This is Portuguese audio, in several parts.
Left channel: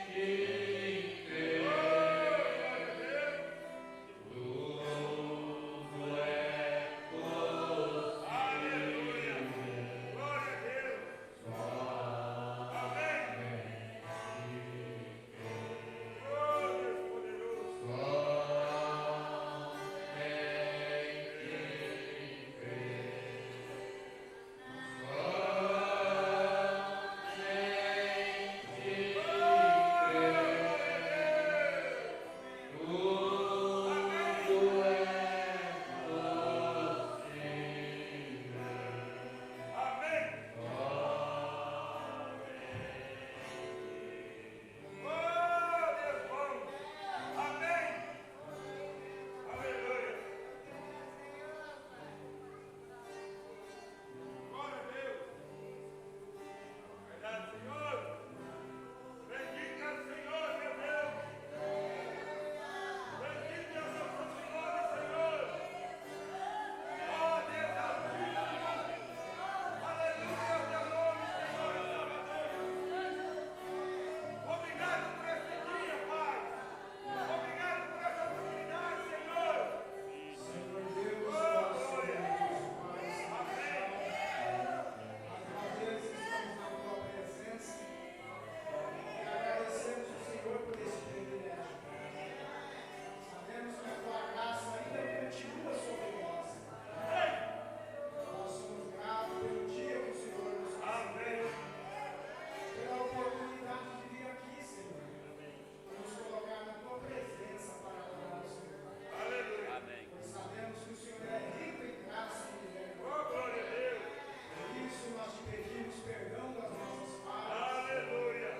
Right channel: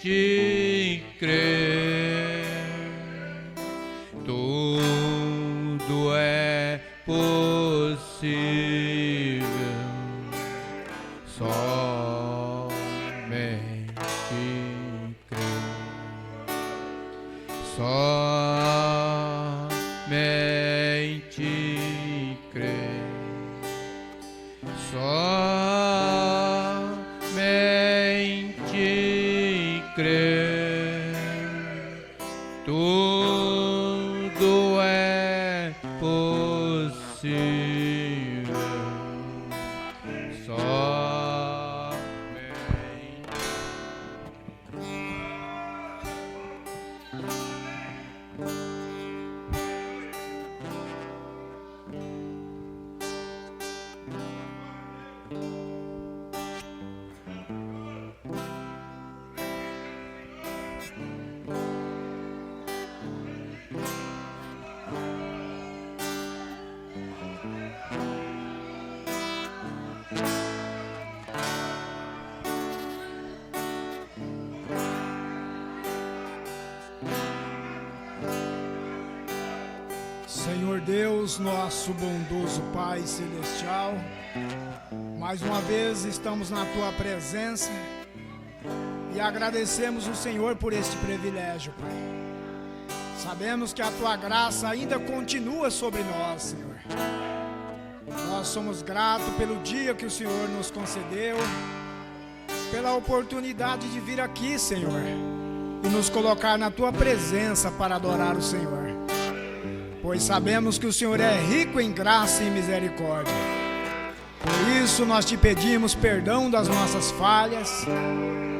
somente crer. Tudo é possível, somente crer. Somente crer. Somente crer. Tudo é possível. Senhor Deus, nosso bondoso Pai Celestial, mais uma vez estamos na Tua presença e agradecemos o Senhor por este privilégio, Pai. Sabemos que a Tua graça ainda continua sobre nós, Senhor. Nós somos gratos pelo dia que o Senhor nos concedeu, pela oportunidade de vir aqui, Senhor, e nos colocar na Tua presença para adorar o Senhor. Pois sabemos que o Senhor é rico em graça e misericórdia. Por isso nós te pedimos perdão das nossas falhas,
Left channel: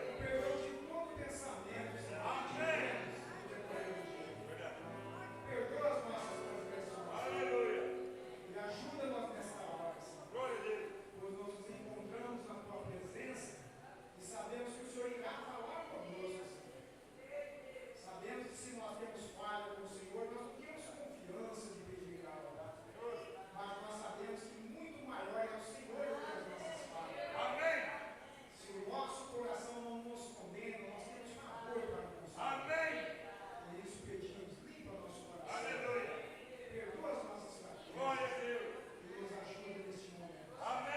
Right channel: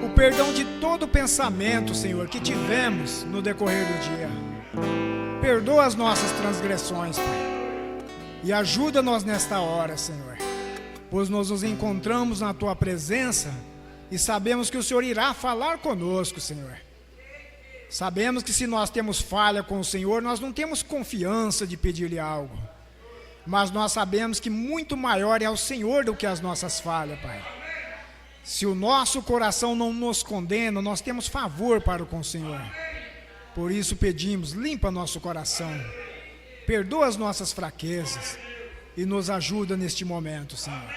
o perdão de todo pensamento, Senhor, que tivemos no decorrer do dia. Perdoa as nossas transgressões, Pai, e ajuda-nos nesta hora, Senhor, pois nós nos encontramos na Tua presença e sabemos que o Senhor irá falar conosco, Senhor. Sabemos que se nós temos falha com o Senhor, nós não temos confiança de pedir-lhe algo. Mas nós sabemos que muito maior é o Senhor do que as nossas falhas, Pai. Se o nosso coração não nos condena, nós temos favor para com o Senhor. Por isso pedimos, limpa nosso coração, perdoa as nossas fraquezas e nos ajuda neste momento, Senhor.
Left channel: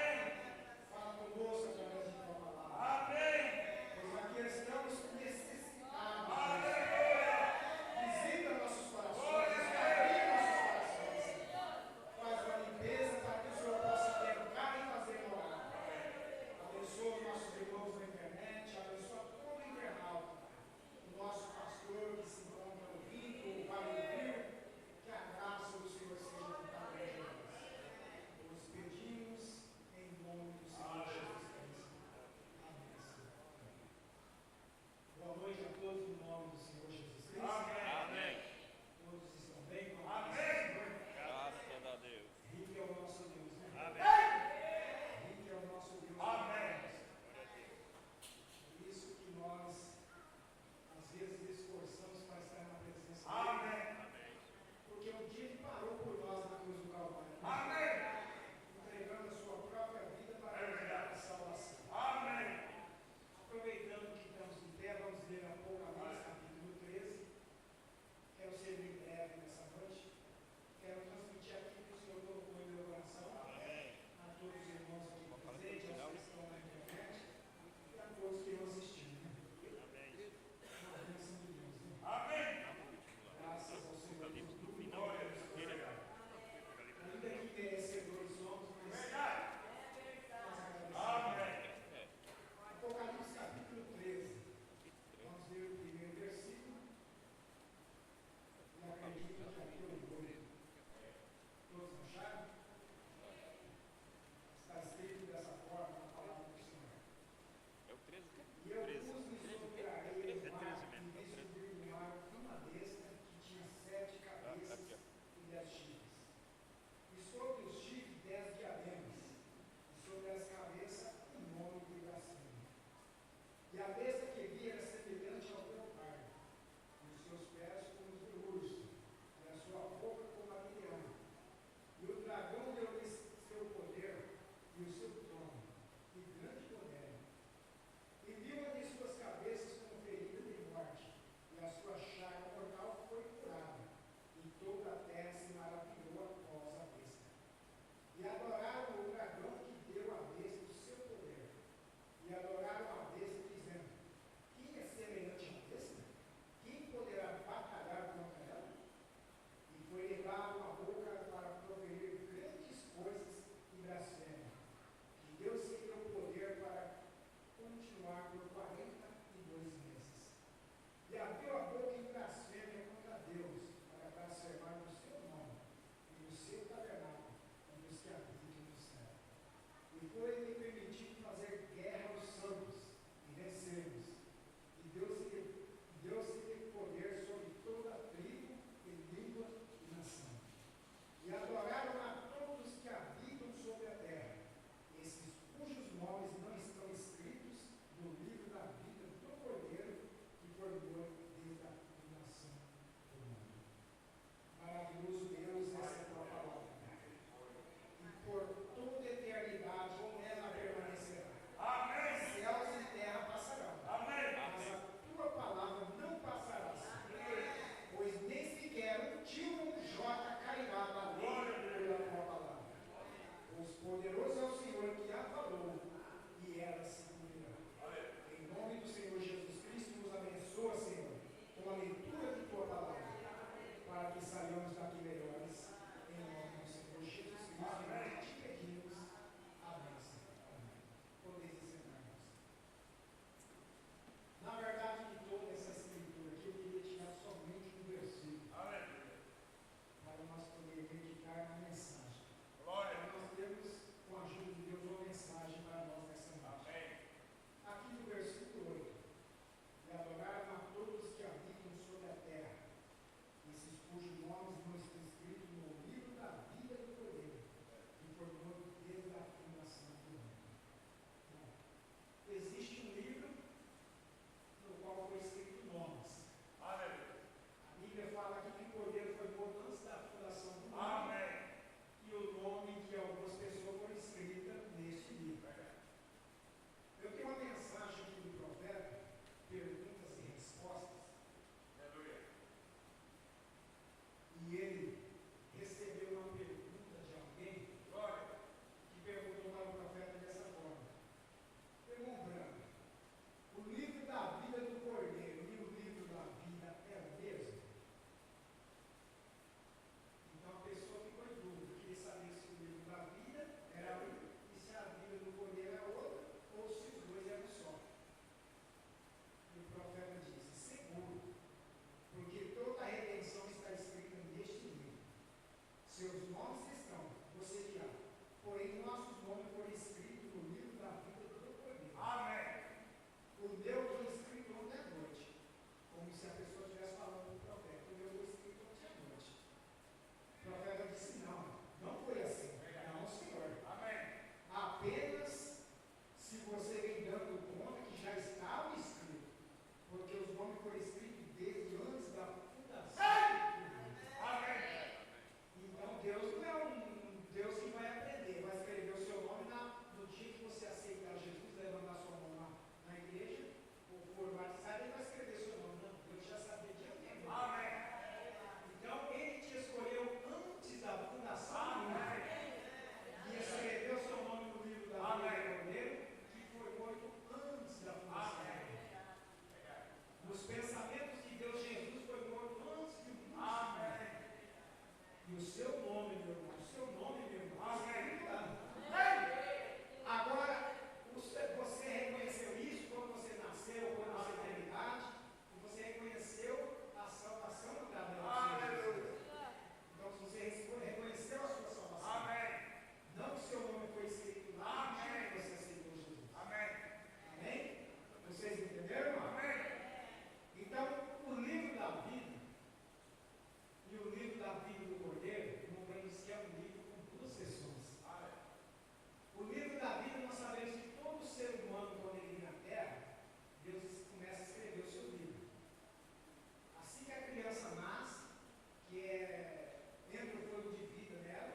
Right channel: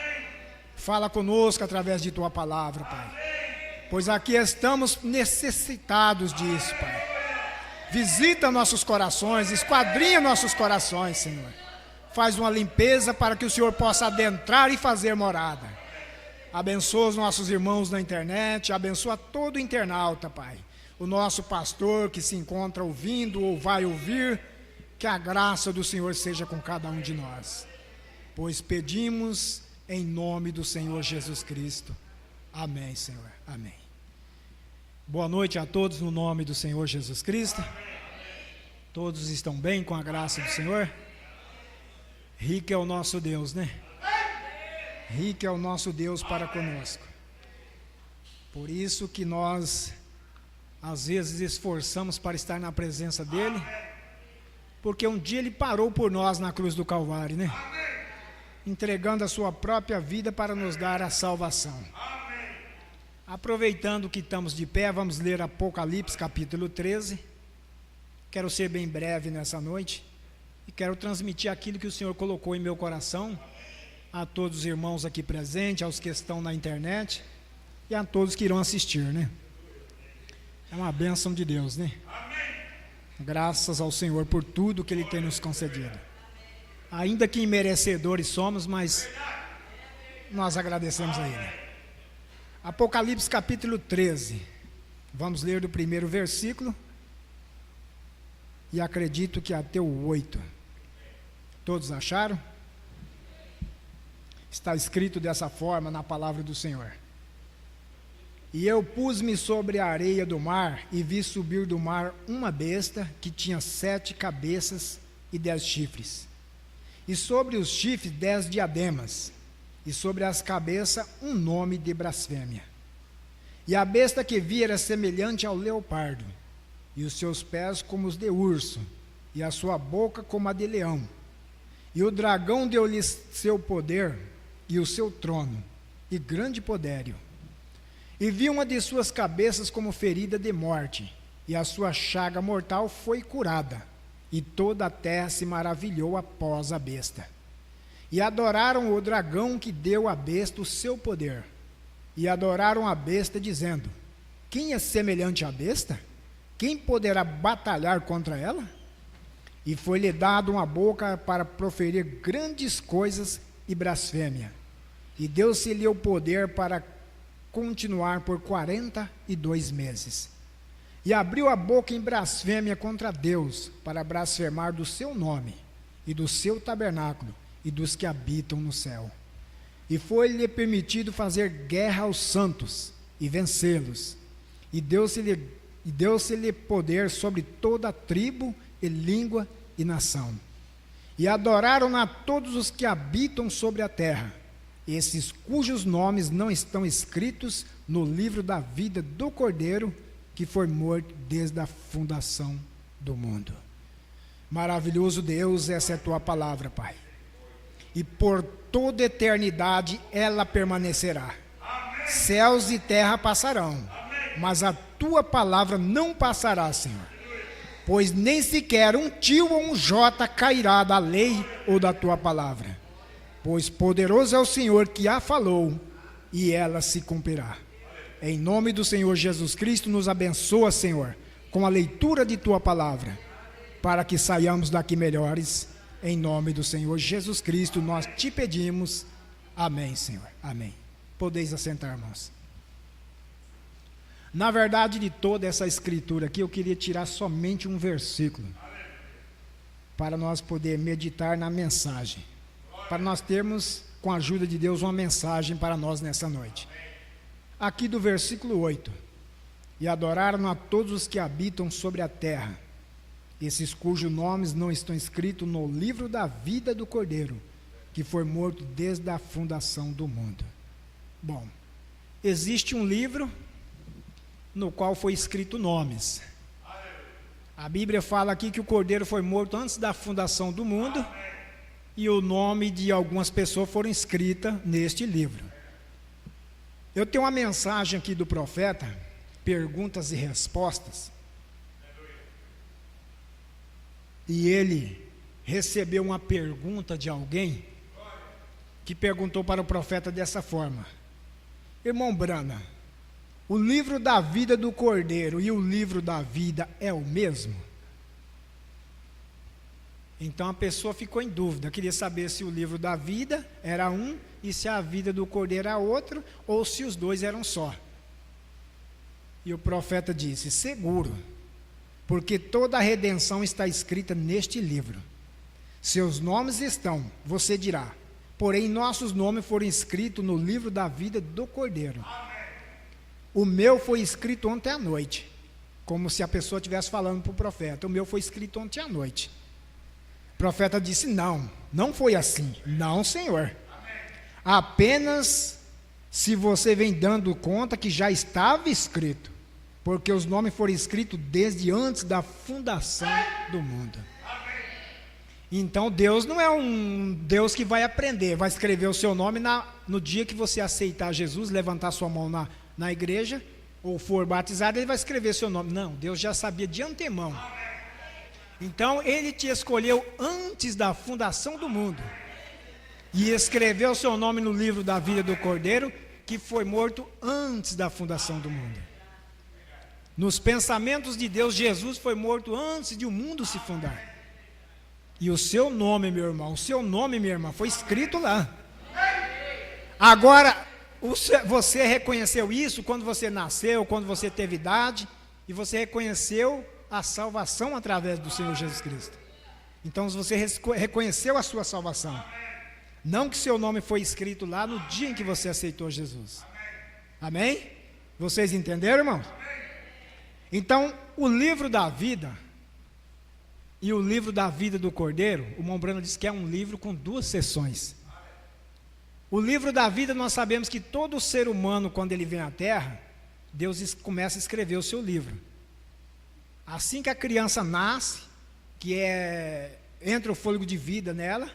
Fala conosco através de Tua palavra, Pai. Pois aqui estamos necessitados disso, Pai. Visita nossos corações, esquadrinha nossos corações, Senhor. Faz uma limpeza para que o Senhor possa adentrar e fazer morada. Abençoa os nossos irmãos na internet, abençoa todo internauta, Pai. O nosso pastor que se encontra ouvindo ou vai ouvir, que a graça do Senhor seja com cada um de nós. Pois pedimos em nome do Senhor Jesus Cristo. Amém, Senhor. Amém. Boa noite a todos no nome do Senhor Jesus Cristo. Todos estão bem com a graça do Senhor? Rico é o nosso Deus, né? Rico é o nosso Deus para conosco. Por isso que nós, às vezes, esforçamos para estar na presença dEle, porque um dia Ele parou por nós na cruz do Calvário, né? Entregando a sua própria vida para nos dar a salvação. Aproveitando que estamos de pé, vamos ler Apocalipse capítulo 13. Quero ser bem breve nessa noite e quero transmitir aquilo que o Senhor colocou em meu coração a todos os irmãos aqui presentes, aos que estão na internet e a todos que irão assistir, né? É uma bênção de Deus, né? Graças ao Senhor por tudo que Ele tem nos concedido. Ainda que imerecedores somos, mas nós agradecemos a Ele. Apocalipse capítulo 13, vamos ler do primeiro versículo e acredito que até o 8. Todos acharam? Está escrito dessa forma na palavra do Senhor. E eu pus-me sobre a areia do mar e vi subir do mar uma besta que tinha 7 cabeças e 10 chifres. E sobre os chifres 10 diademas. E sobre as cabeças um nome de blasfêmia. E a besta que vi era semelhante ao leopardo, e os seus pés como os de urso, e a sua boca como a de leão. E o dragão deu-lhe seu poder, e o seu trono, e grande poderio. E vi uma de suas cabeças como ferida de morte, e a sua chaga mortal foi curada, e toda a terra se maravilhou após a besta. E adoraram o dragão que deu à besta o seu poder, e adoraram a besta, dizendo: quem é semelhante à besta? Quem poderá batalhar contra ela? E foi-lhe dado uma boca para proferir grandes coisas e blasfêmia, e deu-se-lhe o poder para continuar por 42 meses. E abriu a boca em blasfêmia contra Deus, para blasfemar do seu nome, e do seu tabernáculo, e dos que habitam no céu. E foi-lhe permitido fazer guerra aos santos, e vencê-los. E deu-se-lhe poder sobre toda a tribo, e língua, e nação. E adoraram-na todos os que habitam sobre a terra, esses cujos nomes não estão escritos no livro da vida do Cordeiro, que foi morto desde a fundação do mundo. Maravilhoso Deus, essa é a tua palavra, Pai. E por toda eternidade ela permanecerá. Céus e terra passarão, mas a tua palavra não passará, Senhor. Pois nem sequer um tio ou um jota cairá da lei ou da tua palavra. Pois poderoso é o Senhor que a falou, e ela se cumprirá. Em nome do Senhor Jesus Cristo, nos abençoa, Senhor, com a leitura de tua palavra, para que saiamos daqui melhores. Em nome do Senhor Jesus Cristo, nós te pedimos. Amém, Senhor. Amém. Podeis assentar, irmãos. Na verdade, de toda essa escritura aqui, eu queria tirar somente um versículo, para nós poder meditar na mensagem, para nós termos, com a ajuda de Deus, uma mensagem para nós nessa noite. Aqui do versículo 8: e adoraram a todos os que habitam sobre a terra, esses cujos nomes não estão escritos no livro da vida do Cordeiro, que foi morto desde a fundação do mundo. Bom, existe um livro no qual foi escrito nomes. A Bíblia fala aqui que o Cordeiro foi morto antes da fundação do mundo, e o nome de algumas pessoas foram escritas neste livro. Eu tenho uma mensagem aqui do profeta, perguntas e respostas, e ele recebeu uma pergunta de alguém, que perguntou para o profeta dessa forma: irmão Brana, o livro da vida do Cordeiro e o livro da vida é o mesmo? Então a pessoa ficou em dúvida, queria saber se o livro da vida era um e se a vida do Cordeiro era outro, ou se os dois eram só. E o profeta disse: seguro, porque toda a redenção está escrita neste livro. Seus nomes estão, você dirá, porém nossos nomes foram escritos no livro da vida do Cordeiro. O meu foi escrito ontem à noite, como se a pessoa estivesse falando para o profeta: o meu foi escrito ontem à noite. O profeta disse: não foi assim. Não, Senhor. Apenas se você vem dando conta que já estava escrito, porque os nomes foram escritos desde antes da fundação do mundo. Então Deus não é um Deus que vai aprender, vai escrever o seu nome no dia que você aceitar Jesus, levantar sua mão na igreja, ou for batizado, ele vai escrever seu nome. Não, Deus já sabia de antemão. Então ele te escolheu antes da fundação do mundo, e escreveu o seu nome no livro da vida do Cordeiro, que foi morto antes da fundação do mundo. Nos pensamentos de Deus, Jesus foi morto antes de o mundo se fundar. E o seu nome, meu irmão, o seu nome, minha irmã, foi escrito lá. Agora, você reconheceu isso quando você nasceu, quando você teve idade, e você reconheceu a salvação através do Senhor Jesus Cristo. Então você reconheceu a sua salvação. Não que seu nome foi escrito lá no dia em que você aceitou Jesus. Amém? Vocês entenderam, irmãos? Então, o livro da vida e o livro da vida do Cordeiro, o irmão Brano diz que é um livro com 2 seções. O livro da vida, nós sabemos que todo ser humano, quando ele vem à Terra, Deus começa a escrever o seu livro. Assim que a criança nasce, entra o fôlego de vida nela,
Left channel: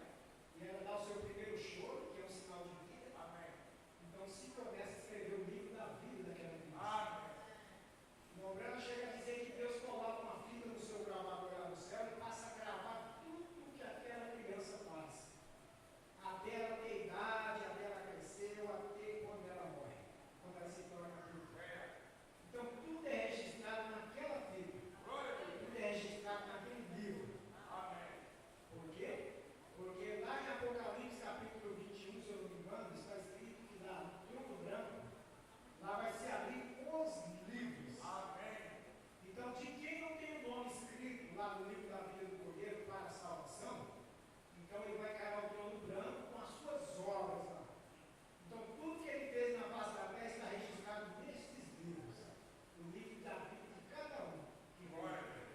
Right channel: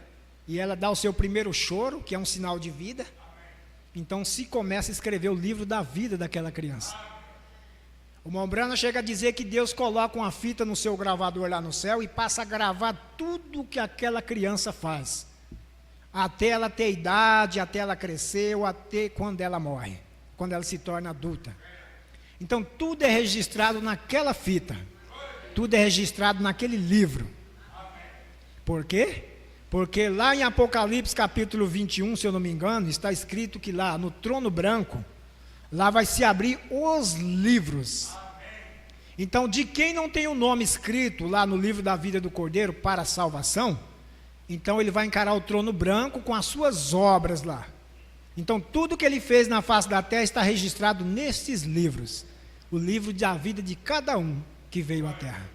e ela dá o seu primeiro choro, que é um sinal de vida. então se começa a escrever o livro da vida daquela criança. O Mombrana chega a dizer que Deus coloca uma fita no seu gravador lá no céu e passa a gravar tudo que aquela criança faz, até ela ter idade, até ela crescer, ou até quando ela morre, quando ela se torna adulta. Então tudo é registrado naquela fita, tudo é registrado naquele livro. Por quê? Porque lá em Apocalipse capítulo 21, se eu não me engano, está escrito que lá no trono branco, lá vai se abrir os livros. Então, de quem não tem o nome escrito lá no livro da vida do Cordeiro para a salvação, então ele vai encarar o trono branco com as suas obras lá. Então, tudo que ele fez na face da terra está registrado nesses livros. O livro da vida de cada um que veio à terra.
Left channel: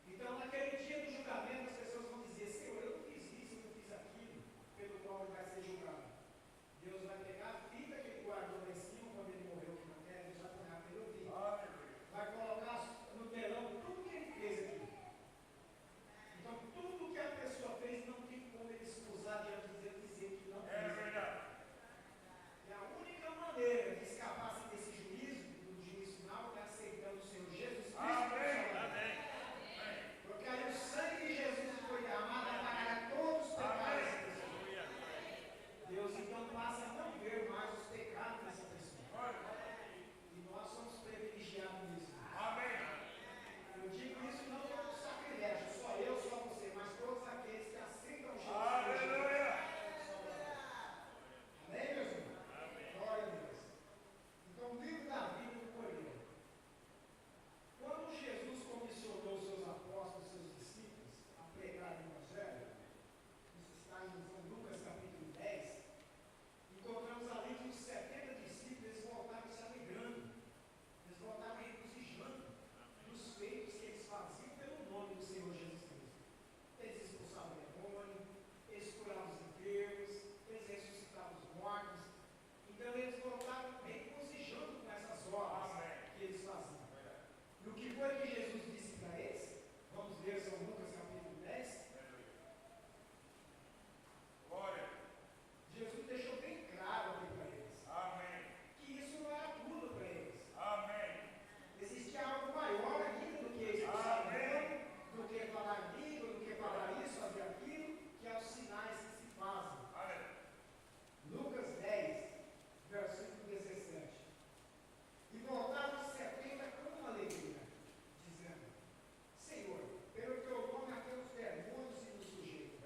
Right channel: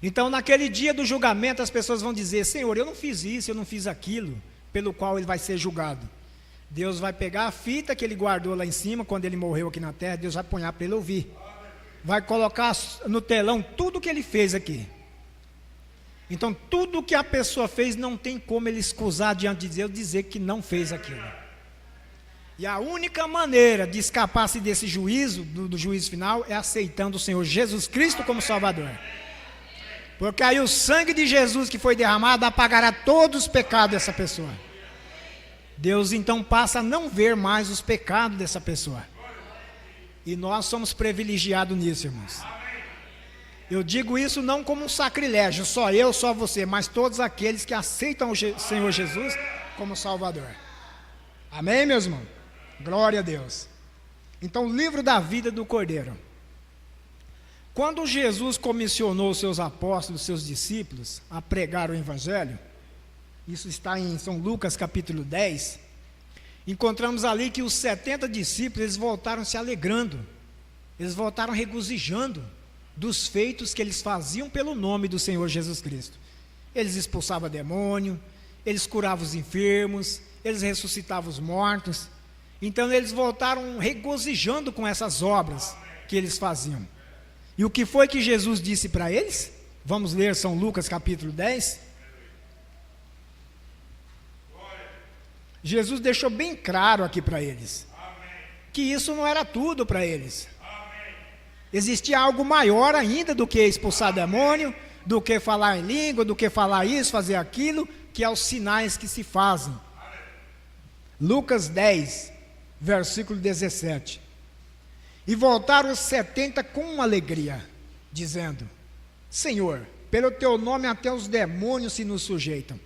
Então, naquele dia do julgamento, as pessoas vão dizer: Senhor, eu não fiz isso, eu não fiz aquilo, pelo qual ele vai ser julgado. Deus vai pegar a fita que ele guardou lá em cima, quando ele morreu aqui na terra, Deus vai pôr para ele ouvir. Vai colocar no telão tudo que ele fez aqui. Então, tudo que a pessoa fez, não tem como ele escusar diante de Deus, dizer que não fez aquilo. E a única maneira de escapar-se desse juízo, do juízo final, é aceitando o Senhor Jesus Cristo como Salvador. Porque aí o sangue de Jesus que foi derramado apagará todos os pecados dessa pessoa. Deus então passa a não ver mais os pecados dessa pessoa. E nós somos privilegiados nisso, irmãos. Eu digo isso não como um sacrilégio, só eu, só você, mas todos aqueles que aceitam o Senhor Jesus como Salvador. Amém, meus irmãos? Glória a Deus. Então, o livro da vida do Cordeiro. Quando Jesus comissionou os seus apóstolos, seus discípulos, a pregar o Evangelho, isso está em São Lucas capítulo 10, encontramos ali que os 70 discípulos, eles voltaram se alegrando, eles voltaram regozijando dos feitos que eles faziam pelo nome do Senhor Jesus Cristo. Eles expulsavam demônio, eles curavam os enfermos, eles ressuscitavam os mortos. Então eles voltaram regozijando com essas obras que eles faziam. E o que foi que Jesus disse para eles? Vamos ler São Lucas capítulo 10. Jesus deixou bem claro aqui para eles, que isso não era tudo para eles. Existia algo maior ainda do que expulsar demônio, do que falar em língua, do que falar isso, fazer aquilo, que é os sinais que se fazem. Lucas 10, versículo 17. E voltaram os 70 com alegria, dizendo: Senhor, pelo teu nome até os demônios se nos sujeitam.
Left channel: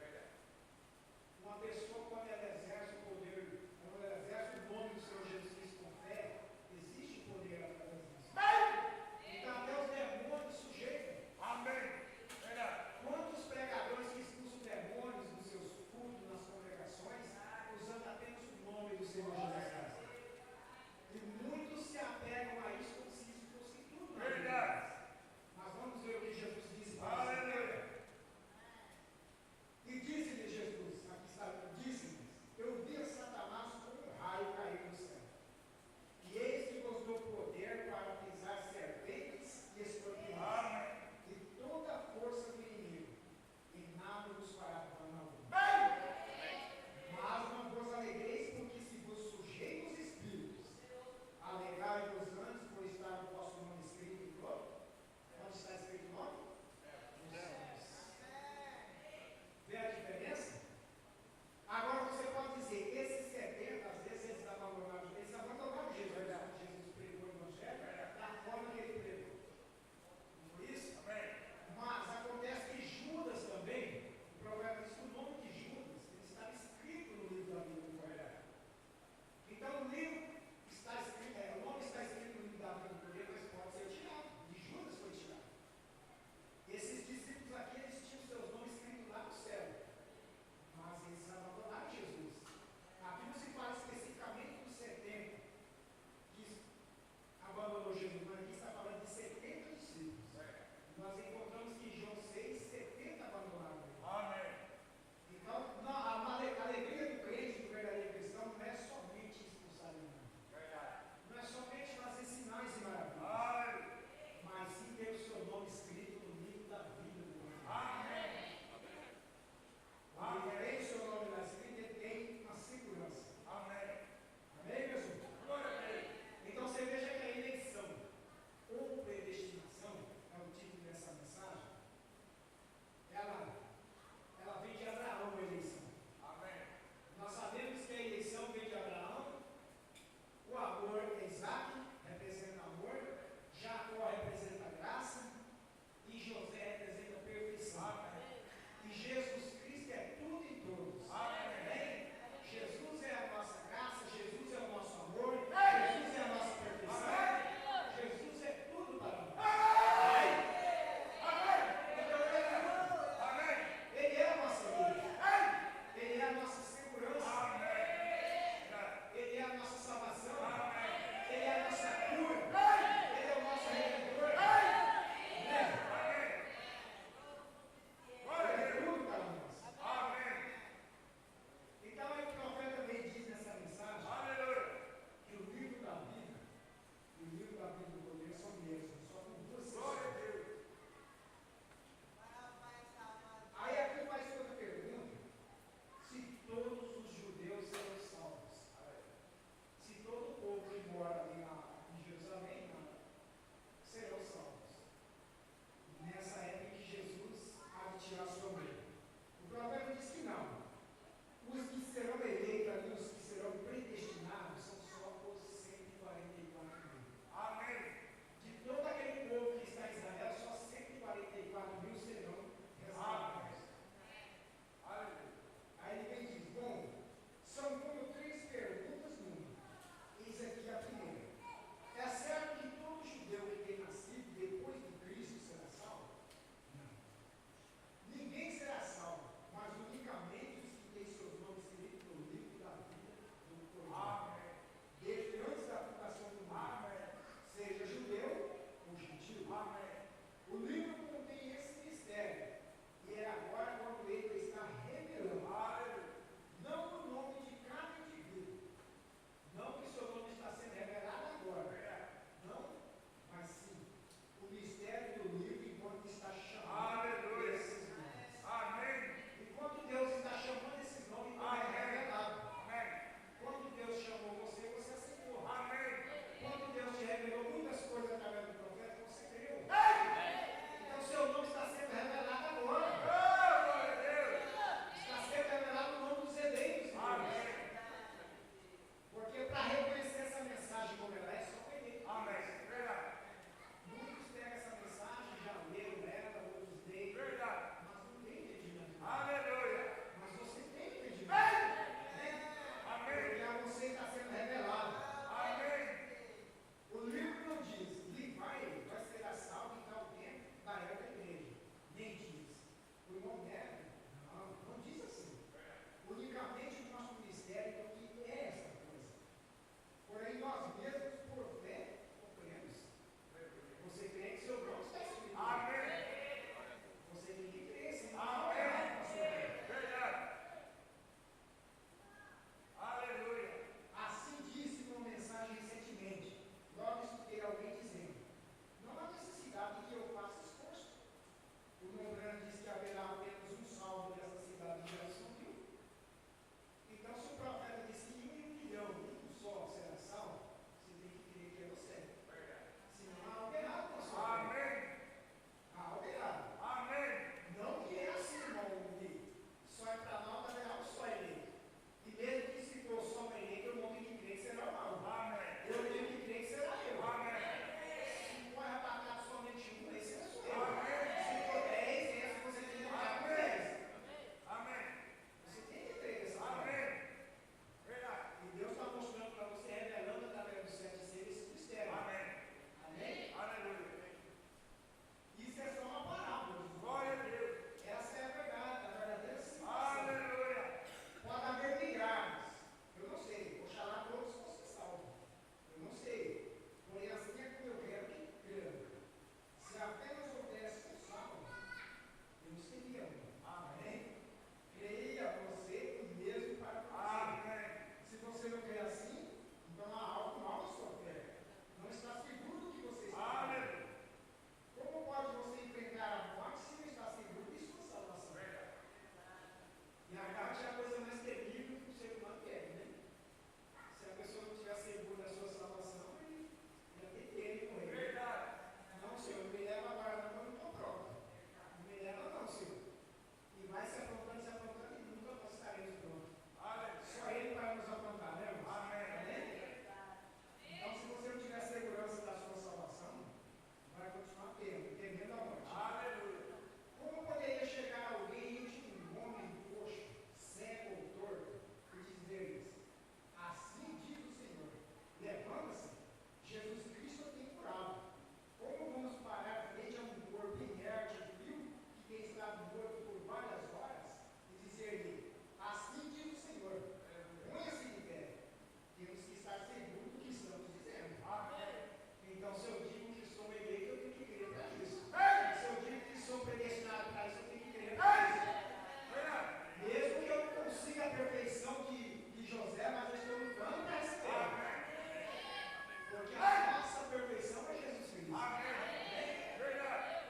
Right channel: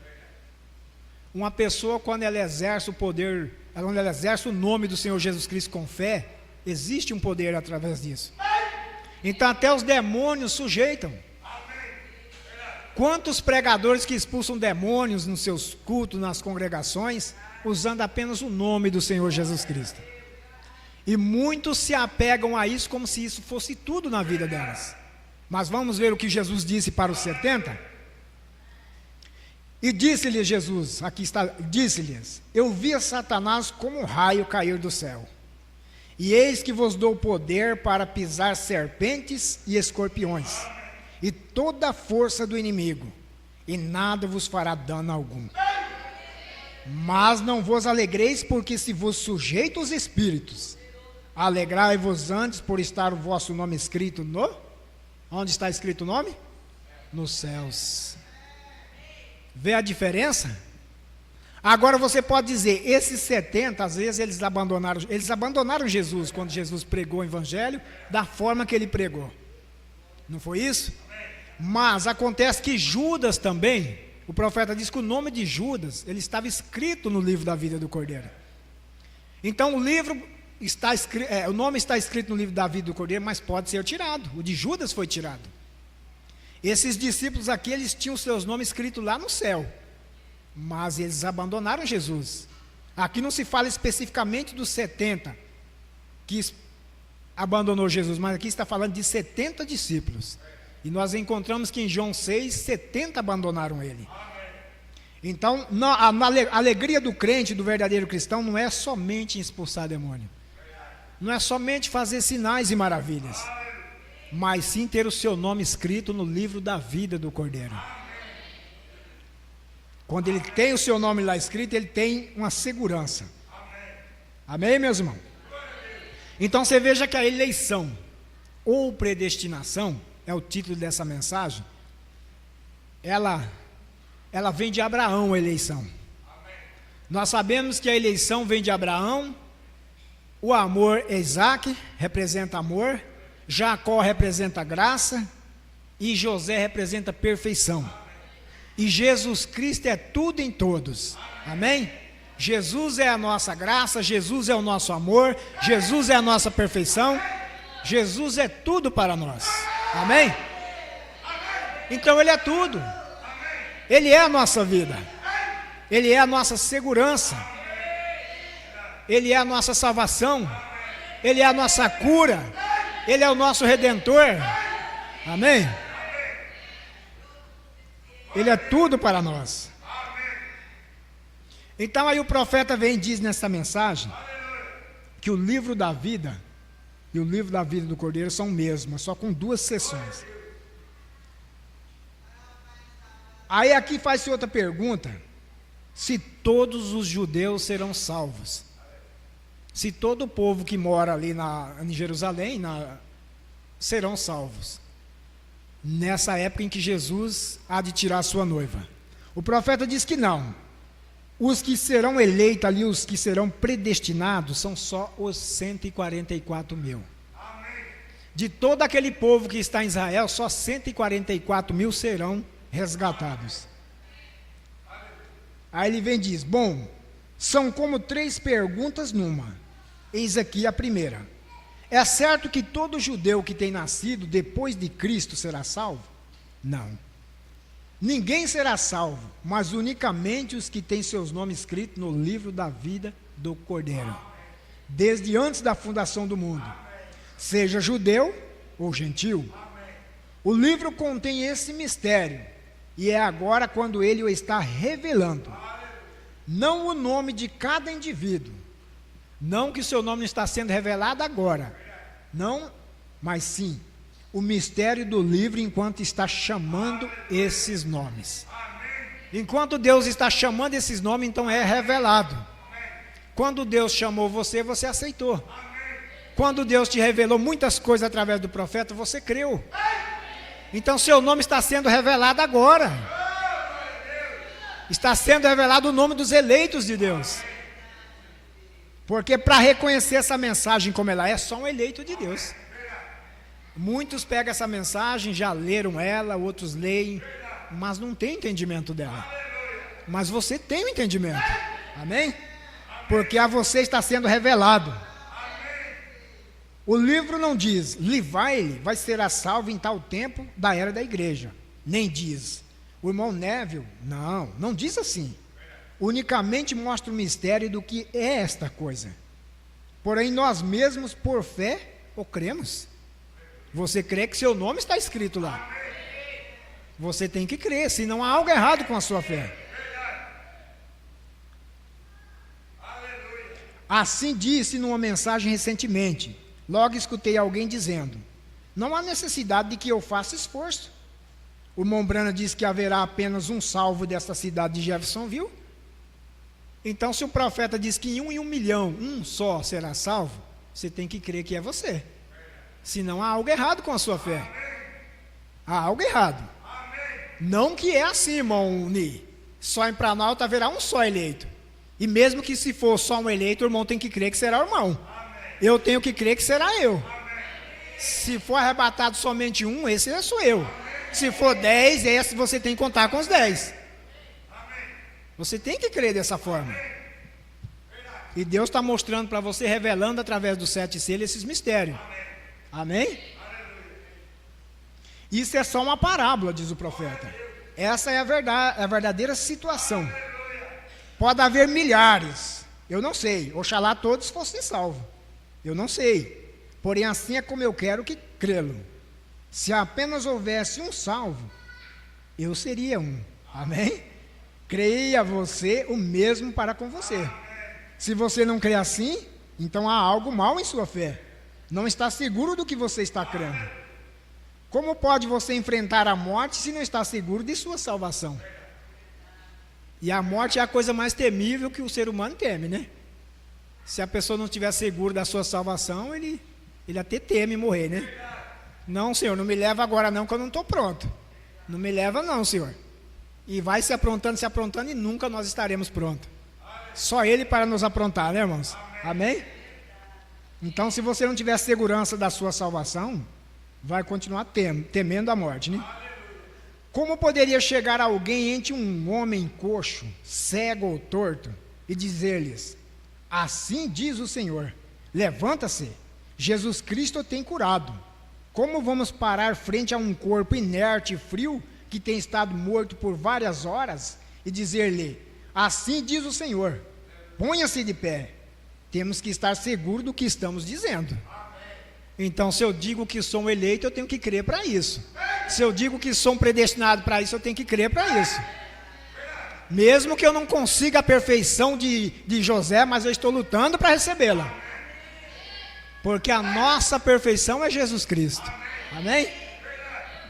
Uma pessoa, quando ela exerce o poder, quando ela exerce o nome do Senhor Jesus Cristo com fé, existe um poder através disso. Então até os demônios sujeitam. Quantos pregadores que expulsam demônios nos seus cultos, nas congregações, usando apenas o nome do Senhor Jesus Cristo? E muitos se apegam a isso como se isso fosse tudo na vida delas. Mas vamos ver o que Jesus disse para os 70? E disse-lhes Jesus, aqui está, disse-lhes: Eu via Satanás como um raio cair do céu. E eis que vos dou poder para pisar serpentes e escorpiões, e toda a força do inimigo, e nada vos fará dano algum. Mas não vos alegreis, porque se vos sujeito os espíritos, alegrai-vos antes por estar o vosso nome escrito no... Onde está escrito o nome? Nos céus. Vê a diferença? Agora você pode dizer, esses 70, às vezes eles abandonaram Jesus, quando Jesus pregou o Evangelho, da forma que ele pregou. Não foi isso? Mas acontece que Judas também, o profeta diz que o nome de Judas, ele estava escrito no livro da vida do Cordeiro. Então o livro... o nome está escrito no livro da vida do Cordeiro, mas pode ser tirado. O de Judas foi tirado. Esses discípulos aqui, eles tinham seus nomes escritos lá no céu, mas eles abandonaram Jesus. Aqui não se fala especificamente dos 70 que abandonou Jesus, mas aqui está falando de 70 discípulos. E nós encontramos que em João 6, 70 abandonaram ele. Então, a alegria do crente, do verdadeiro cristão, não é somente expulsar demônio. Não é somente fazer sinais e maravilhas, mas sim ter o seu nome escrito no livro da vida do Cordeiro. Quando ele tem o seu nome lá escrito, ele tem uma segurança. Amém, meus irmãos? Então você veja que a eleição ou predestinação, é o título dessa mensagem, ela vem de Abraão, a eleição. Nós sabemos que a eleição vem de Abraão, o amor é Isaac, representa amor, Jacó representa graça, e José representa perfeição. E Jesus Cristo é tudo em todos. Amém? Jesus é a nossa graça, Jesus é o nosso amor, Jesus é a nossa perfeição, Jesus é tudo para nós. Amém? Então Ele é tudo. Ele é a nossa vida. Ele é a nossa segurança. Ele é a nossa salvação. Ele é a nossa cura. Ele é o nosso Redentor. Amém? Ele é tudo para nós. Então aí o profeta vem e diz nessa mensagem que o livro da vida e o livro da vida do Cordeiro são o mesmo, só com 2 seções. Aí aqui faz-se outra pergunta: se todos os judeus serão salvos? Se todo o povo que mora ali em Jerusalém serão salvos nessa época em que Jesus há de tirar a sua noiva? O profeta diz que não. Os que serão eleitos ali, os que serão predestinados, são só os 144 mil. De todo aquele povo que está em Israel, só 144 mil serão resgatados. Aí ele vem e diz: bom, são como 3 perguntas numa. Eis aqui a primeira: é certo que todo judeu que tem nascido depois de Cristo será salvo? Não. Ninguém será salvo, mas unicamente os que têm seus nomes escritos no livro da vida do Cordeiro, desde antes da fundação do mundo, seja judeu ou gentil. O livro contém esse mistério, e é agora quando ele o está revelando. Não o nome de cada indivíduo, não que o seu nome está sendo revelado agora, não, mas sim o mistério do livro enquanto está chamando esses nomes. Enquanto Deus está chamando esses nomes, então é revelado. Quando Deus chamou você, você aceitou. Quando Deus te revelou muitas coisas através do profeta, você creu. Então seu nome está sendo revelado agora. Está sendo revelado o nome dos eleitos de Deus. Porque para reconhecer essa mensagem como ela é, só um eleito de Deus. Muitos pegam essa mensagem, já leram ela, outros leem, mas não tem entendimento dela. Mas você tem o entendimento. Amém? Porque a você está sendo revelado. O livro não diz: Levi vai ser salvo em tal tempo da era da igreja. Nem diz. O irmão Neville, não diz assim. Unicamente mostra o mistério do que é esta coisa. Porém, nós mesmos, por fé, o cremos. Você crê que seu nome está escrito lá. Você tem que crer, senão há algo errado com a sua fé. Assim disse numa mensagem recentemente. Logo escutei alguém dizendo: não há necessidade de que eu faça esforço. O irmão Branham diz que haverá apenas um salvo desta cidade de Jeffersonville. Então, se o profeta diz que em 1 milhão, um só será salvo, você tem que crer que é você. Senão há algo errado com a sua fé. Há algo errado. Não que é assim, irmão Ni. Só em Planalto haverá um só eleito. E mesmo que se for só um eleito, o irmão tem que crer que será o irmão. Eu tenho que crer que será eu. Se for arrebatado somente um, esse sou eu. Se for 10, esse você tem que contar com os 10. Você tem que crer dessa forma. E Deus está mostrando para você, revelando através dos 7 selos esses mistérios. Amém? Isso é só uma parábola, diz o profeta. Essa é a verdadeira situação. Pode haver milhares, eu não sei. Oxalá todos fossem salvos, eu não sei. Porém, assim é como eu quero que crê-lo. Se apenas houvesse um salvo, eu seria um. Amém? Creia você o mesmo para com você. Se você não crê assim, então há algo mal em sua fé. Não está seguro do que você está crendo. Como pode você enfrentar a morte se não está seguro de sua salvação? E a morte é a coisa mais temível que o ser humano teme, né? Se a pessoa não estiver segura da sua salvação, ele até teme morrer, né? Não, Senhor, não me leva agora não, que eu não estou pronto. Não me leva não, Senhor. E vai se aprontando e nunca nós estaremos prontos. Só Ele para nos aprontar, né, irmãos? Amém? Então, se você não tiver segurança da sua salvação, vai continuar temendo a morte, né? Como poderia chegar alguém entre um homem coxo, cego ou torto, e dizer-lhes: assim diz o Senhor, levanta-se, Jesus Cristo tem curado. Como vamos parar frente a um corpo inerte e frio, que tem estado morto por várias horas, e dizer-lhe: assim diz o Senhor, ponha-se de pé? Temos que estar seguros do que estamos dizendo. Então, se eu digo que sou um eleito, eu tenho que crer para isso. Se eu digo que sou um predestinado para isso, eu tenho que crer para isso. Mesmo que eu não consiga a perfeição de José, mas eu estou lutando para recebê-la. Porque a nossa perfeição é Jesus Cristo. Amém?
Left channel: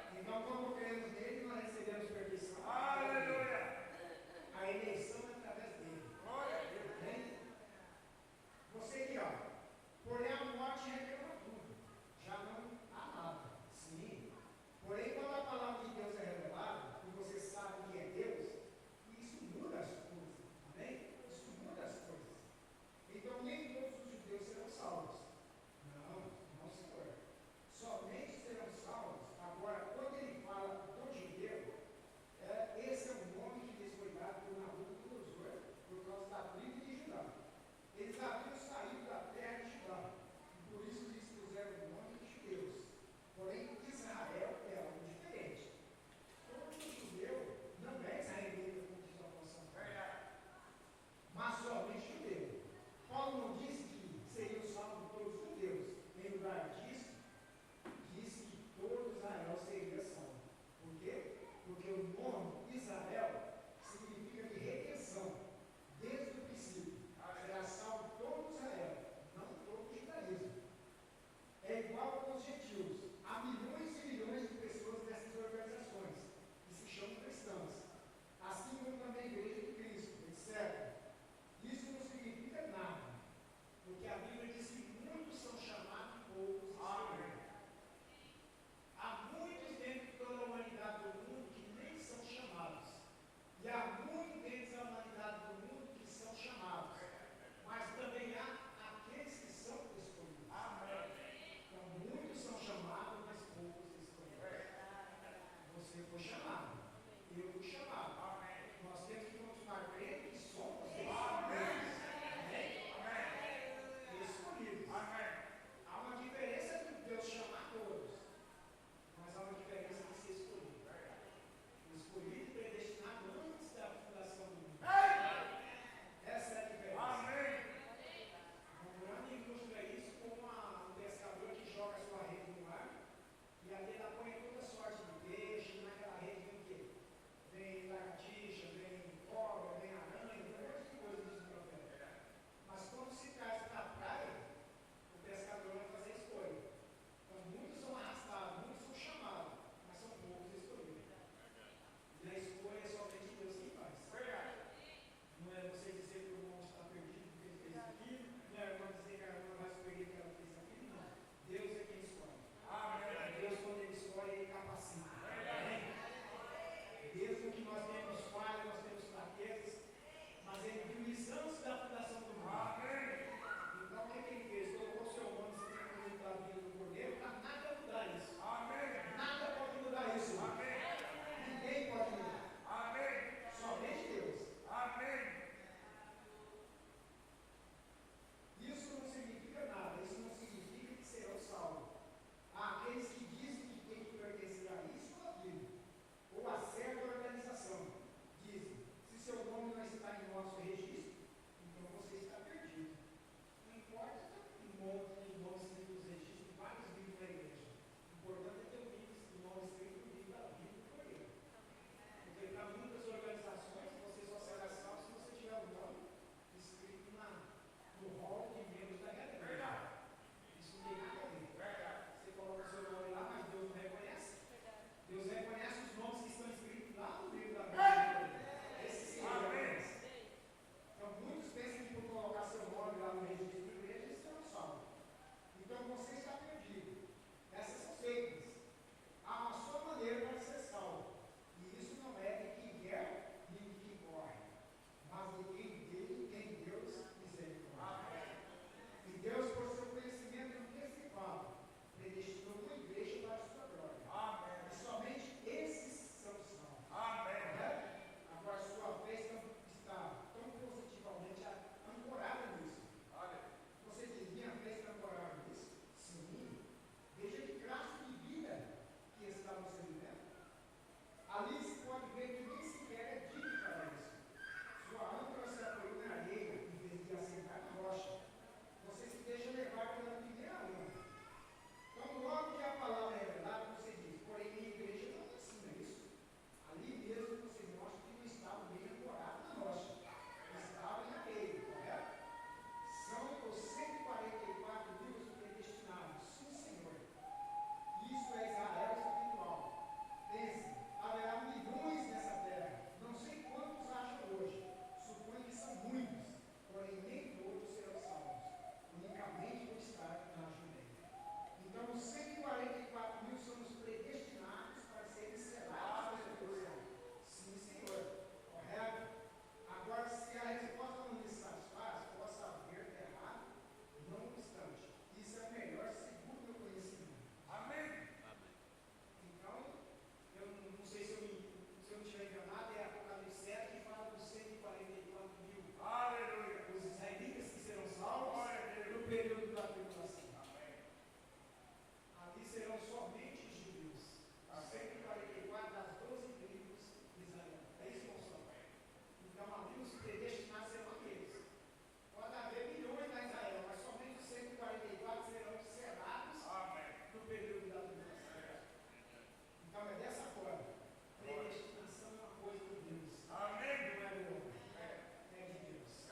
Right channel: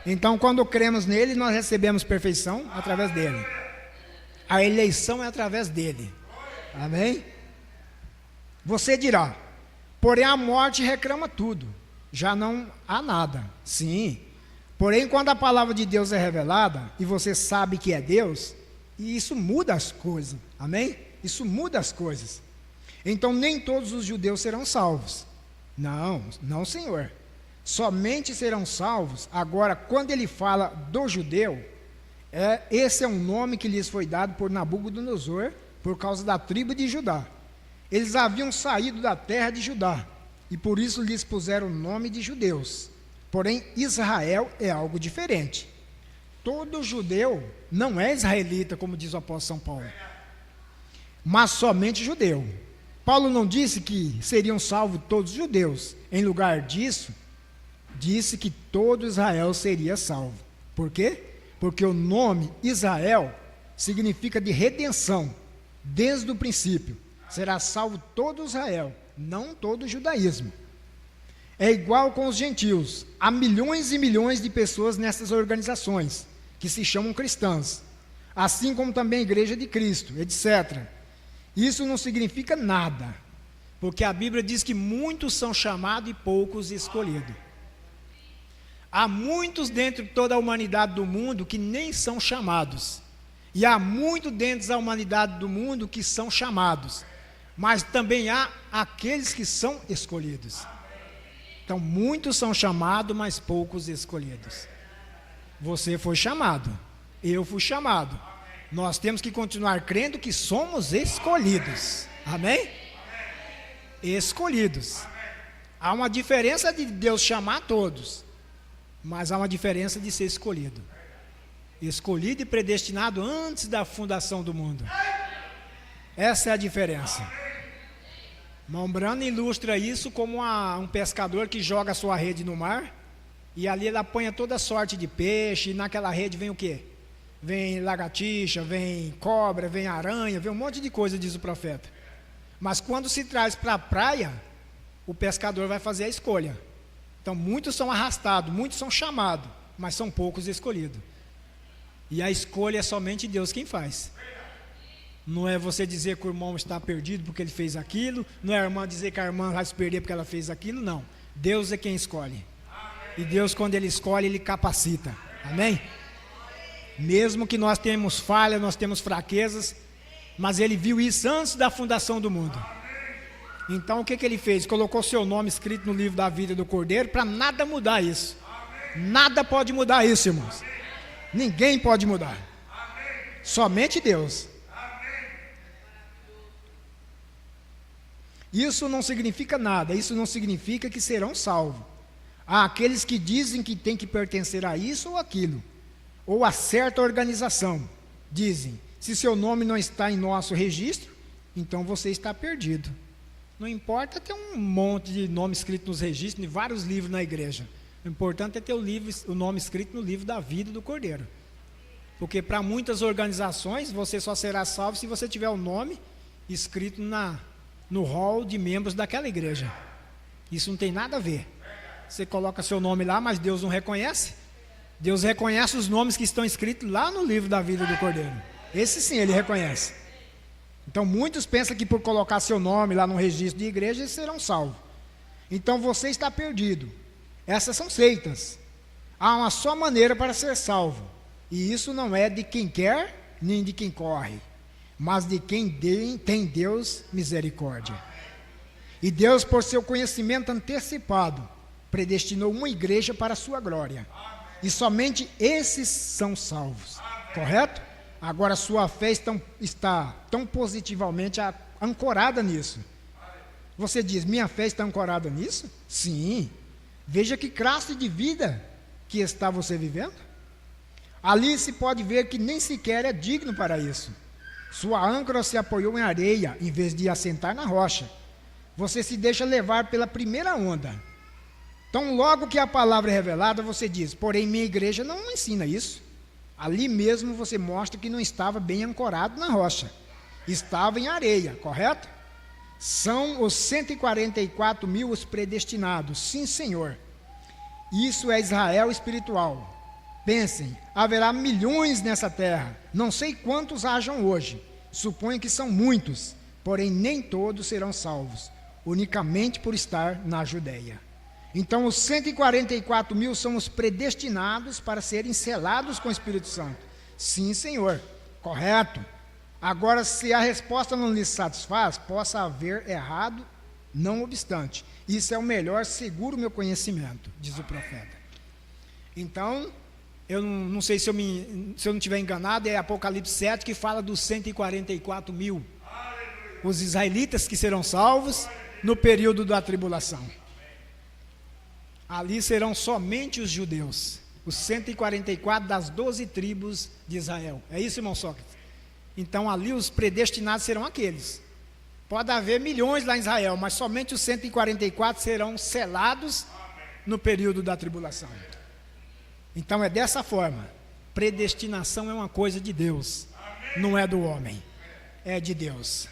Então, quando cremos nele, nós recebemos perfeição através dele. A eleição é através dele. Amém? Você dirá: porém a morte reclama tudo, já não há nada. Sim, porém quando a palavra de Deus é revelada, e você sabe que é Deus, e isso muda as coisas, amém? Isso muda as coisas. Então nem todos os judeus serão salvos. Não, Senhor. Somente serão salvos. Agora, quando ele fala do judeu, esse é um nome que lhes foi dado por Nabucodonosor, por causa da tribo de Judá. Eles haviam saído da terra de Judá, e por isso lhes puseram o nome de judeus. Porém, Israel é algo diferente. Todo judeu não é israelita, como diz o apóstolo São Paulo, mas somente judeu. Paulo não disse que seriam salvos todos os judeus. Em lugar disso, disse que todo Israel seria salvo. Por quê? Porque o nome Israel significa de redenção, desde o princípio. Será salvo todo Israel, não todo o judaísmo. É igual com os gentios. Há milhões e milhões de pessoas nessas organizações, que se chamam cristãs, assim como também a Igreja de Cristo, etc. Isso não significa nada, porque a Bíblia diz que muitos são chamados e poucos escolhidos. Há muitos dentro de toda a humanidade do mundo que nem são chamados, e há muitos dentro da humanidade do mundo que são chamados, mas também há aqueles que são escolhidos. Então, muitos são chamados, mas poucos escolhidos. Você foi chamado, eu fui chamado. Nós temos que continuar crendo que somos escolhidos. Amém? Escolhidos. Há uma diferença de Deus chamar todos, mas há uma diferença de ser escolhido. Escolhido e predestinado antes da fundação do mundo. Essa é a diferença. Mombrano ilustra isso como um pescador que joga a sua rede no mar, e ali ele apanha toda sorte de peixe, e naquela rede vem o quê? Vem lagartixa, vem cobra, vem aranha, vem um monte de coisa, diz o profeta. Mas quando se traz para a praia, o pescador vai fazer a escolha. Então muitos são arrastados, muitos são chamados, mas são poucos escolhidos. E a escolha é somente Deus quem faz. Não é você dizer que o irmão está perdido porque ele fez aquilo, não é a irmã dizer que a irmã vai se perder porque ela fez aquilo, não. Deus é quem escolhe. E Deus, quando Ele escolhe, Ele capacita. Amém? Mesmo que nós tenhamos falhas, nós temos fraquezas, mas Ele viu isso antes da fundação do mundo. Então o que Ele fez? Colocou seu nome escrito no livro da vida do Cordeiro, para nada mudar isso. Nada pode mudar isso, irmãos. Ninguém pode mudar. Somente Deus. Isso não significa nada, isso não significa que serão salvos. Há aqueles que dizem que tem que pertencer a isso ou aquilo, ou a certa organização. Dizem: se seu nome não está em nosso registro, então você está perdido. Não importa ter um monte de nome escrito nos registros, em vários livros na igreja. O importante é ter o nome escrito no livro da vida do Cordeiro. Porque para muitas organizações, você só será salvo se você tiver o nome escrito no hall de membros daquela igreja. Isso não tem nada a ver. Você coloca seu nome lá, mas Deus não reconhece. Deus reconhece os nomes que estão escritos lá no livro da vida do Cordeiro. Esse sim Ele reconhece. Então muitos pensam que por colocar seu nome lá no registro de igreja, eles serão salvos. Então você está perdido. Essas são seitas. Há uma só maneira para ser salvo. E isso não é de quem quer, nem de quem corre, mas de quem tem Deus misericórdia. E Deus, por seu conhecimento antecipado, predestinou uma igreja para a sua glória. E somente esses são salvos. Correto? Agora sua fé está tão positivamente ancorada nisso. Você diz, minha fé está ancorada nisso? Sim. Veja que classe de vida que está você vivendo. Ali se pode ver que nem sequer é digno para isso. Sua âncora se apoiou em areia, em vez de assentar na rocha. Você se deixa levar pela primeira onda. Então, logo que a palavra é revelada, você diz, porém minha igreja não ensina isso. Ali mesmo você mostra que não estava bem ancorado na rocha. Estava em areia, correto? São os 144 mil os predestinados, sim, Senhor. Isso é Israel espiritual. Pensem, haverá milhões nessa terra, não sei quantos hajam hoje, suponho que são muitos, porém nem todos serão salvos, unicamente por estar na Judeia. Então os 144 mil são os predestinados para serem selados com o Espírito Santo. Sim, Senhor, correto. Agora, se a resposta não lhe satisfaz, possa haver errado, não obstante. Isso é o melhor, seguro o meu conhecimento, diz o profeta. Então, eu não sei se eu não estiver enganado, é Apocalipse 7 que fala dos 144 mil. Os israelitas que serão salvos no período da tribulação. Ali serão somente os judeus, os 144 das 12 tribos de Israel. É isso, irmão Sócrates? Então ali os predestinados serão aqueles. Pode haver milhões lá em Israel, mas somente os 144 serão selados no período da tribulação. Então é dessa forma. Predestinação é uma coisa de Deus, não é do homem, é de Deus.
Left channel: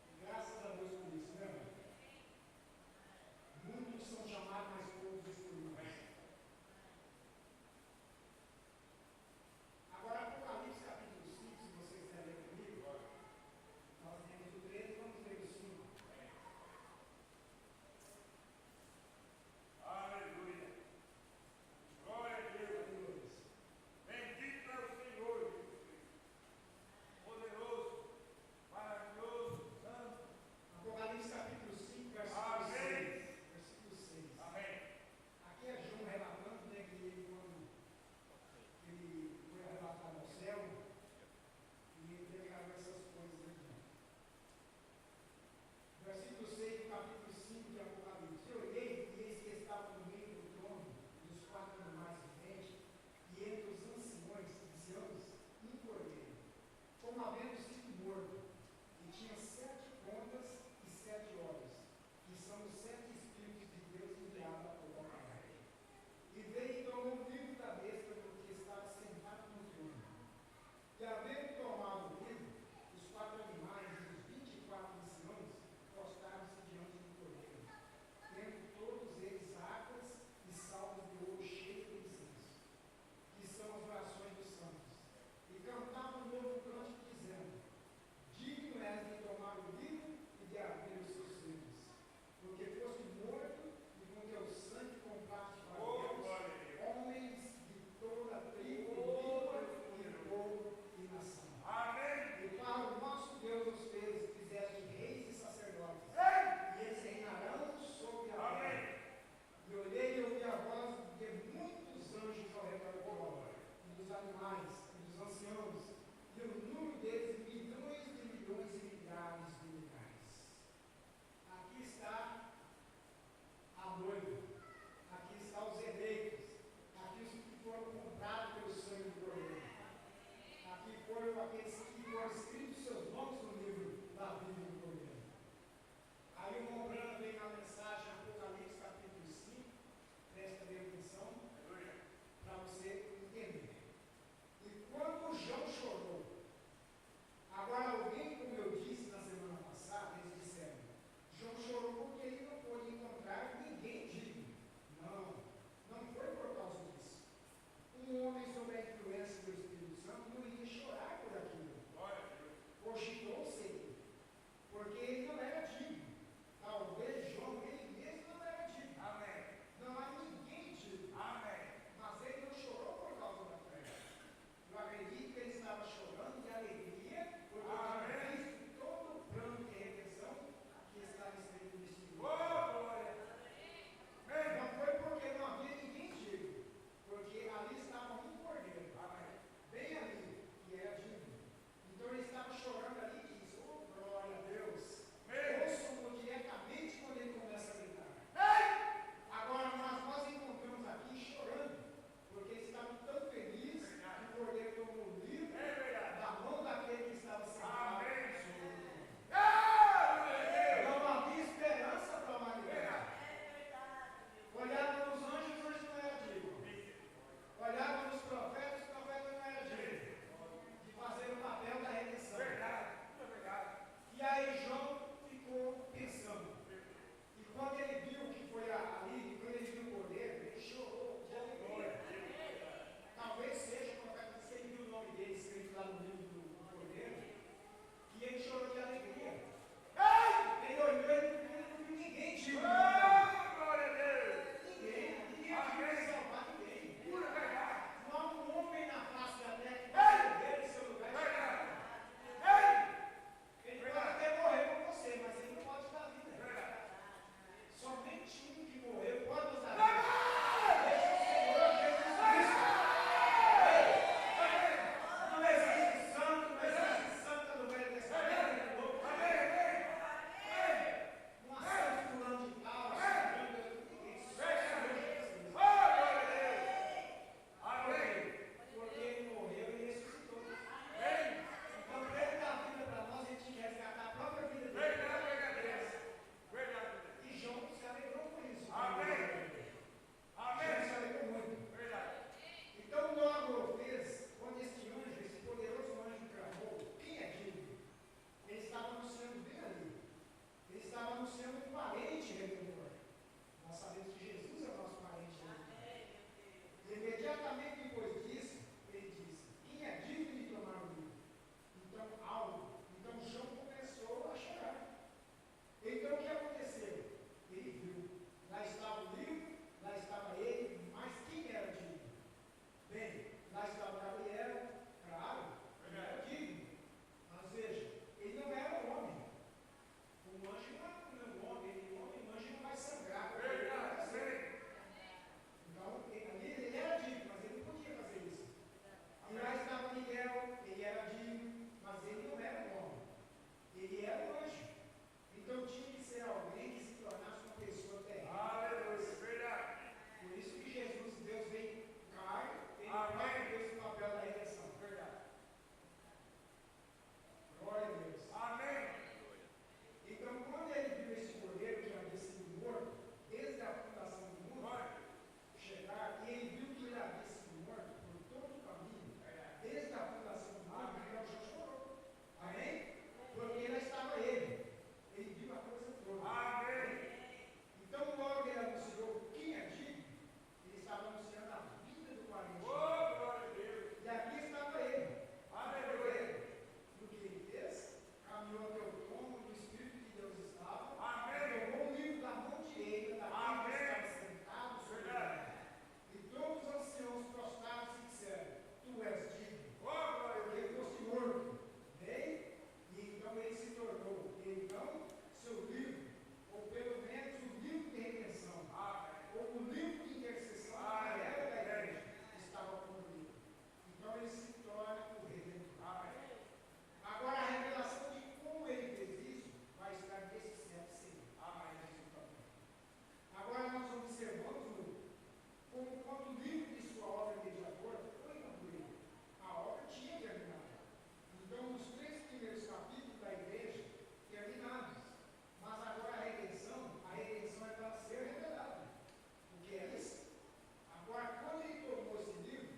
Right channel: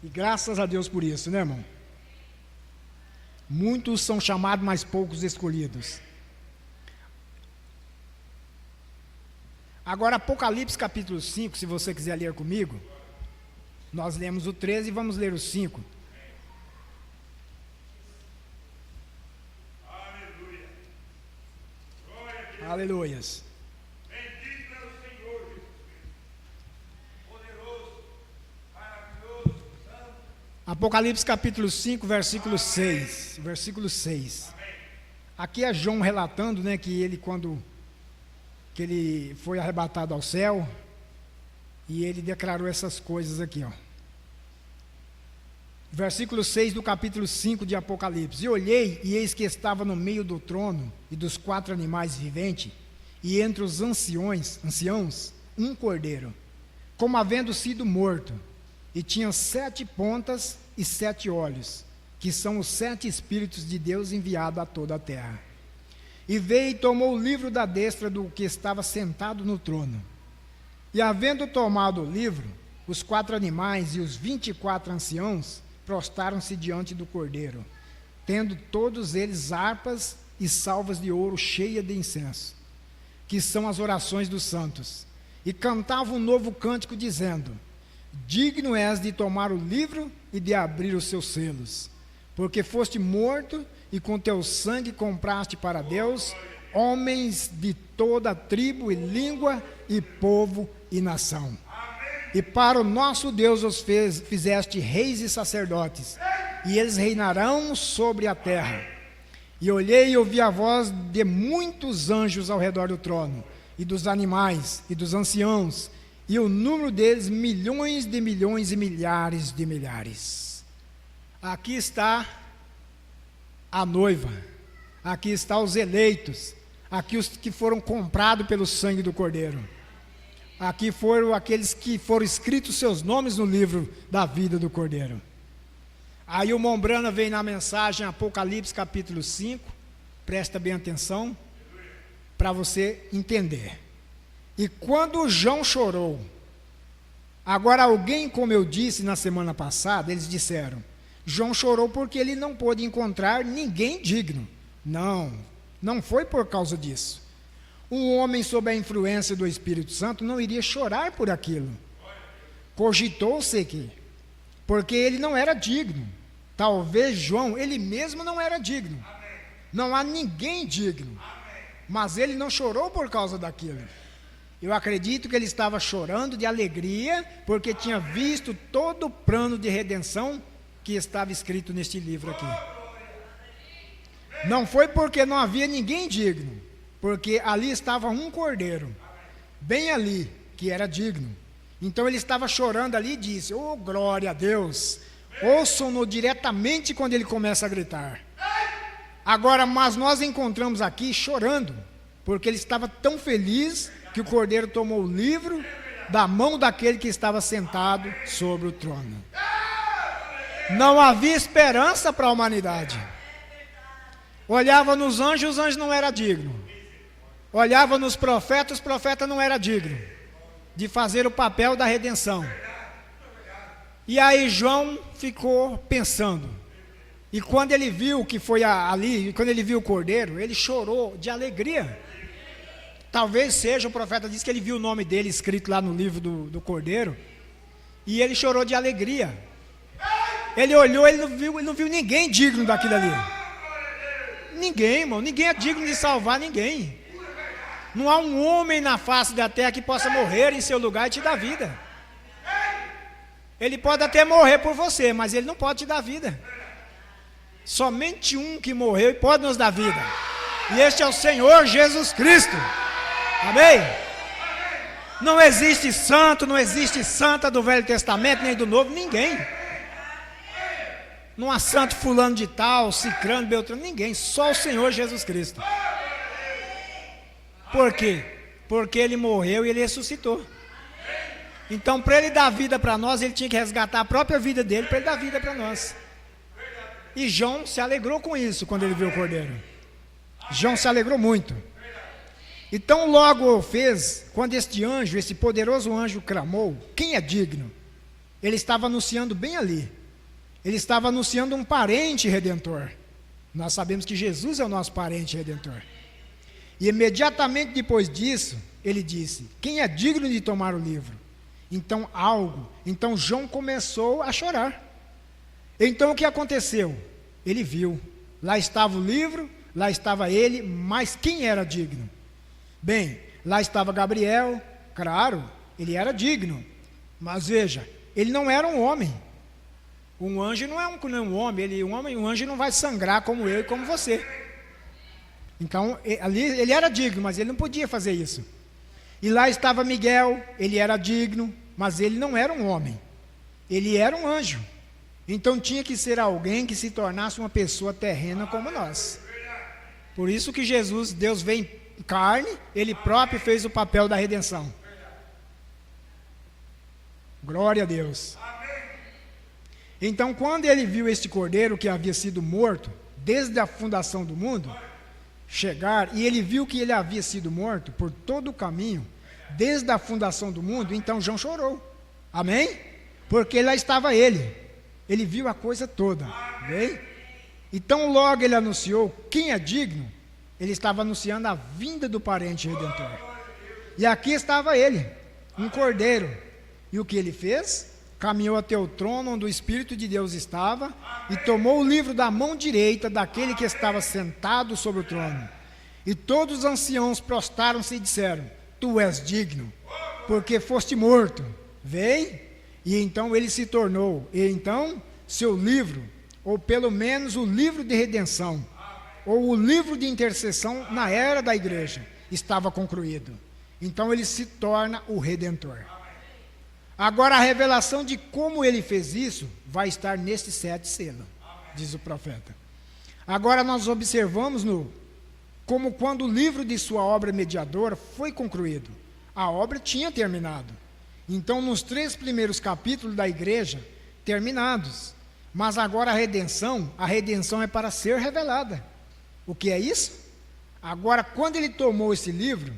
E graças a Deus por isso, né, irmão? Muitos são chamados, mas poucos escolhidos. Agora, Apocalipse capítulo 5, se você quiser ler comigo, nós lemos o 13 e vamos ler o 5. Aleluia. Aleluias. Bendito é o Senhor Jesus Cristo, poderoso, maravilhoso, santo. Apocalipse capítulo 5, versículo 6. Versículo 6. Aqui é João relatando, né, que ele que ele foi arrebatado ao céu, e ele declarou essas coisas aqui, ó. Versículo 6 do capítulo 5 de Apocalipse. E olhei, e eis que estava no meio do trono e dos 4 animais viventes, e entre os anciãos, um cordeiro, como havendo sido morto, e tinha 7 pontas e 7 olhos, que são os 7 Espíritos de Deus enviados a toda a terra. E veio e tomou o livro da destra do que estava sentado no trono. E havendo tomado o livro, os 4 animais e os 24 anciãos prostaram-se diante do cordeiro, tendo todos eles harpas e salvas de ouro cheias de incenso, que são as orações dos santos. E cantavam um novo cântico, dizendo: digno és de tomar o livro e de abrir os seus selos, porque foste morto, e com teu sangue compraste para Deus homens de toda tribo e língua e povo e nação. E para o nosso Deus os fizeste reis e sacerdotes, e eles reinarão sobre a terra. E olhei e ouvi a voz de muitos anjos ao redor do trono, e dos animais, e dos anciãos, e o número deles milhões de milhões e milhares de milhares. Aqui está a noiva, aqui está os eleitos, aqui os que foram comprados pelo sangue do Cordeiro. Aqui foram aqueles que foram escritos seus nomes no livro da vida do Cordeiro. Aí o Mombrana vem na mensagem Apocalipse capítulo 5, presta bem atenção, para você entender. E quando João chorou, agora alguém, como eu disse na semana passada, eles disseram, João chorou porque ele não pôde encontrar ninguém digno. Não foi por causa disso. Um homem sob a influência do Espírito Santo não iria chorar por aquilo. cogitou-se que, porque ele não era digno. Talvez João, ele mesmo não era digno. Não há ninguém digno. Mas ele não chorou por causa daquilo. Eu acredito que ele estava chorando de alegria, porque tinha visto todo o plano de redenção que estava escrito neste livro aqui. Não foi porque não havia ninguém digno, porque ali estava um cordeiro, bem ali, que era digno. Então ele estava chorando ali e disse: oh, glória a Deus. Ouçam-no diretamente quando ele começa a gritar. Agora, mas nós encontramos aqui chorando, porque ele estava tão feliz que o cordeiro tomou o livro da mão daquele que estava sentado sobre o trono. Não havia esperança para a humanidade. Olhava nos anjos, os anjos não eram dignos. Olhava nos profetas, os profetas não eram dignos de fazer o papel da redenção. E aí João ficou pensando. E quando ele viu que foi ali, quando ele viu o cordeiro, ele chorou de alegria. Talvez seja, o profeta disse que ele viu o nome dele escrito lá no livro do cordeiro, e ele chorou de alegria. Ele olhou, ele não viu ninguém digno daquilo ali. Ninguém, irmão, ninguém é digno de salvar ninguém. Não há um homem na face da terra que possa morrer em seu lugar e te dar vida. Ele pode até morrer por você, mas ele não pode te dar vida. Somente um que morreu e pode nos dar vida, e este é o Senhor Jesus Cristo. Amém? Não existe santo, não existe santa do Velho Testamento, nem do Novo, ninguém. Não há santo fulano de tal, cicrano, beltrano, ninguém, só o Senhor Jesus Cristo. Por quê? Porque ele morreu e ele ressuscitou. Então, para ele dar vida para nós, ele tinha que resgatar a própria vida dele para ele dar vida para nós. E João se alegrou com isso quando ele viu o cordeiro. João se alegrou muito. Então logo o fez, quando este anjo, esse poderoso anjo clamou: quem é digno? Ele estava anunciando bem ali. Ele estava anunciando um parente redentor. Nós sabemos que Jesus é o nosso parente redentor. E imediatamente depois disso, ele disse: quem é digno de tomar o livro? Então João começou a chorar. Então o que aconteceu? Ele viu, lá estava o livro, lá estava ele, mas quem era digno? Bem, lá estava Gabriel, claro, ele era digno, mas veja, ele não era um homem. Um anjo não é um homem, um anjo não vai sangrar como eu e como você. Então, ali ele era digno, mas ele não podia fazer isso. E lá estava Miguel, ele era digno, mas ele não era um homem, ele era um anjo. Então tinha que ser alguém que se tornasse uma pessoa terrena como nós. Por isso que Jesus, Deus veio em carne, ele próprio fez o papel da redenção. Glória a Deus. Então quando ele viu este cordeiro que havia sido morto desde a fundação do mundo chegar, e ele viu que ele havia sido morto por todo o caminho desde a fundação do mundo, então João chorou. Amém? Porque lá estava ele viu a coisa toda. Amém? Então logo ele anunciou quem é digno. Ele estava anunciando a vinda do parente redentor. E aqui estava ele, um cordeiro. E o que ele fez? Caminhou até o trono onde o Espírito de Deus estava e tomou o livro da mão direita daquele que estava sentado sobre o trono. E todos os anciãos prostraram-se e disseram: tu és digno, porque foste morto. Vem. E então ele se tornou, e então seu livro, ou pelo menos o livro de redenção, ou o livro de intercessão na era da igreja, estava concluído. Então ele se torna o Redentor. Agora a revelação de como ele fez isso vai estar nesses 7 selos, diz o profeta. Agora nós observamos como quando o livro de sua obra mediadora foi concluído, a obra tinha terminado. Então nos 3 primeiros capítulos da igreja, terminados. Mas agora a redenção é para ser revelada. O que é isso? Agora quando ele tomou esse livro,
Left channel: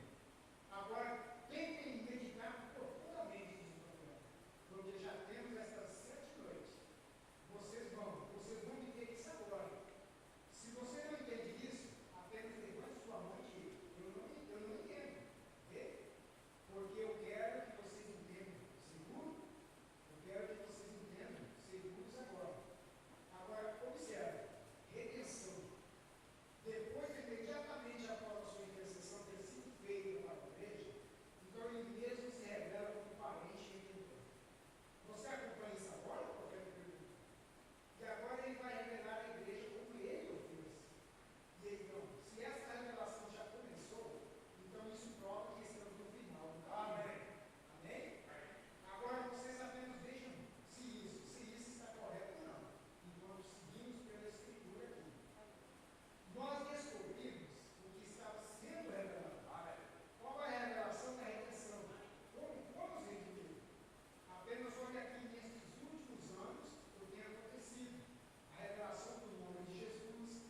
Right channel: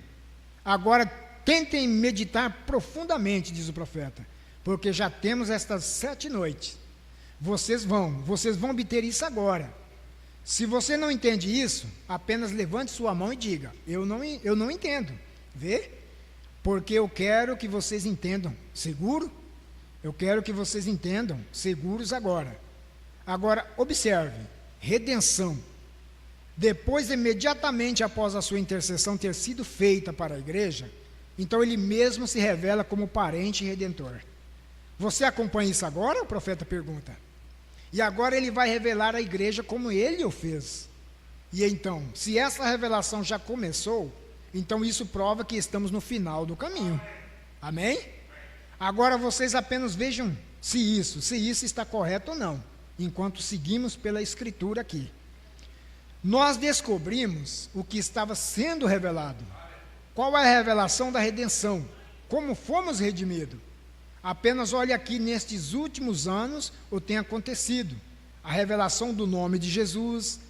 agora tentem meditar profundamente, diz o profeta, porque já temos estas 7 noites. Vocês vão obter isso agora. Se você não entende isso, apenas levante sua mão e diga: eu não entendo. Vê? Porque eu quero que vocês entendam. Seguro? Eu quero que vocês entendam, seguros agora. Agora, observe, redenção. Depois, imediatamente após a sua intercessão ter sido feita para a igreja, então ele mesmo se revela como parente e redentor. Você acompanha isso agora? O profeta pergunta. E agora ele vai revelar à igreja como ele o fez. E então, se essa revelação já começou, então isso prova que estamos no final do caminho. Amém? Agora vocês apenas vejam se isso está correto ou não, enquanto seguimos pela escritura aqui. Nós descobrimos o que estava sendo revelado. Qual é a revelação da redenção? Como fomos redimidos? Apenas olhe aqui, nestes últimos anos, o que tem acontecido. A revelação do nome de Jesus,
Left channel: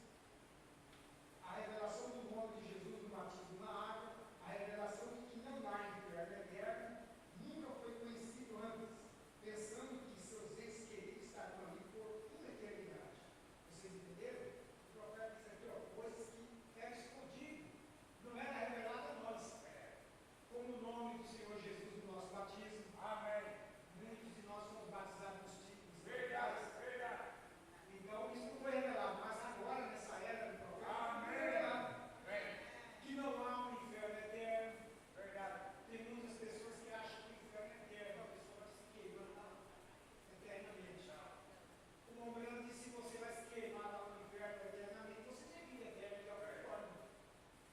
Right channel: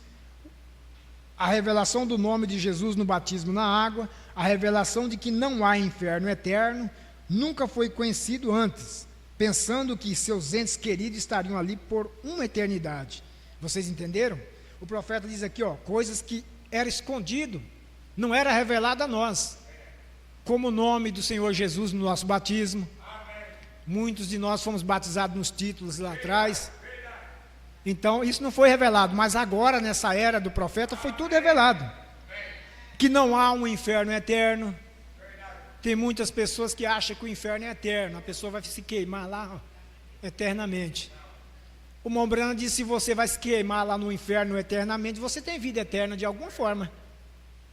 a revelação do nome de Jesus no batismo na água, a revelação de que não há inferno eterno, nunca foi conhecido antes, pensando que seus entes queridos estariam ali por uma eternidade. Vocês entenderam? O profeta diz aqui, coisas que era escondido, não era revelado a nós, como o nome do Senhor Jesus no nosso batismo. Muitos de nós fomos batizados nos títulos lá atrás. Então, isso não foi revelado, mas agora, nessa era do profeta, foi tudo revelado. Que não há um inferno eterno. Tem muitas pessoas que acham que o inferno é eterno, a pessoa vai se queimar lá eternamente. O Mombrana diz: se você vai se queimar lá no inferno eternamente, você tem vida eterna de alguma forma.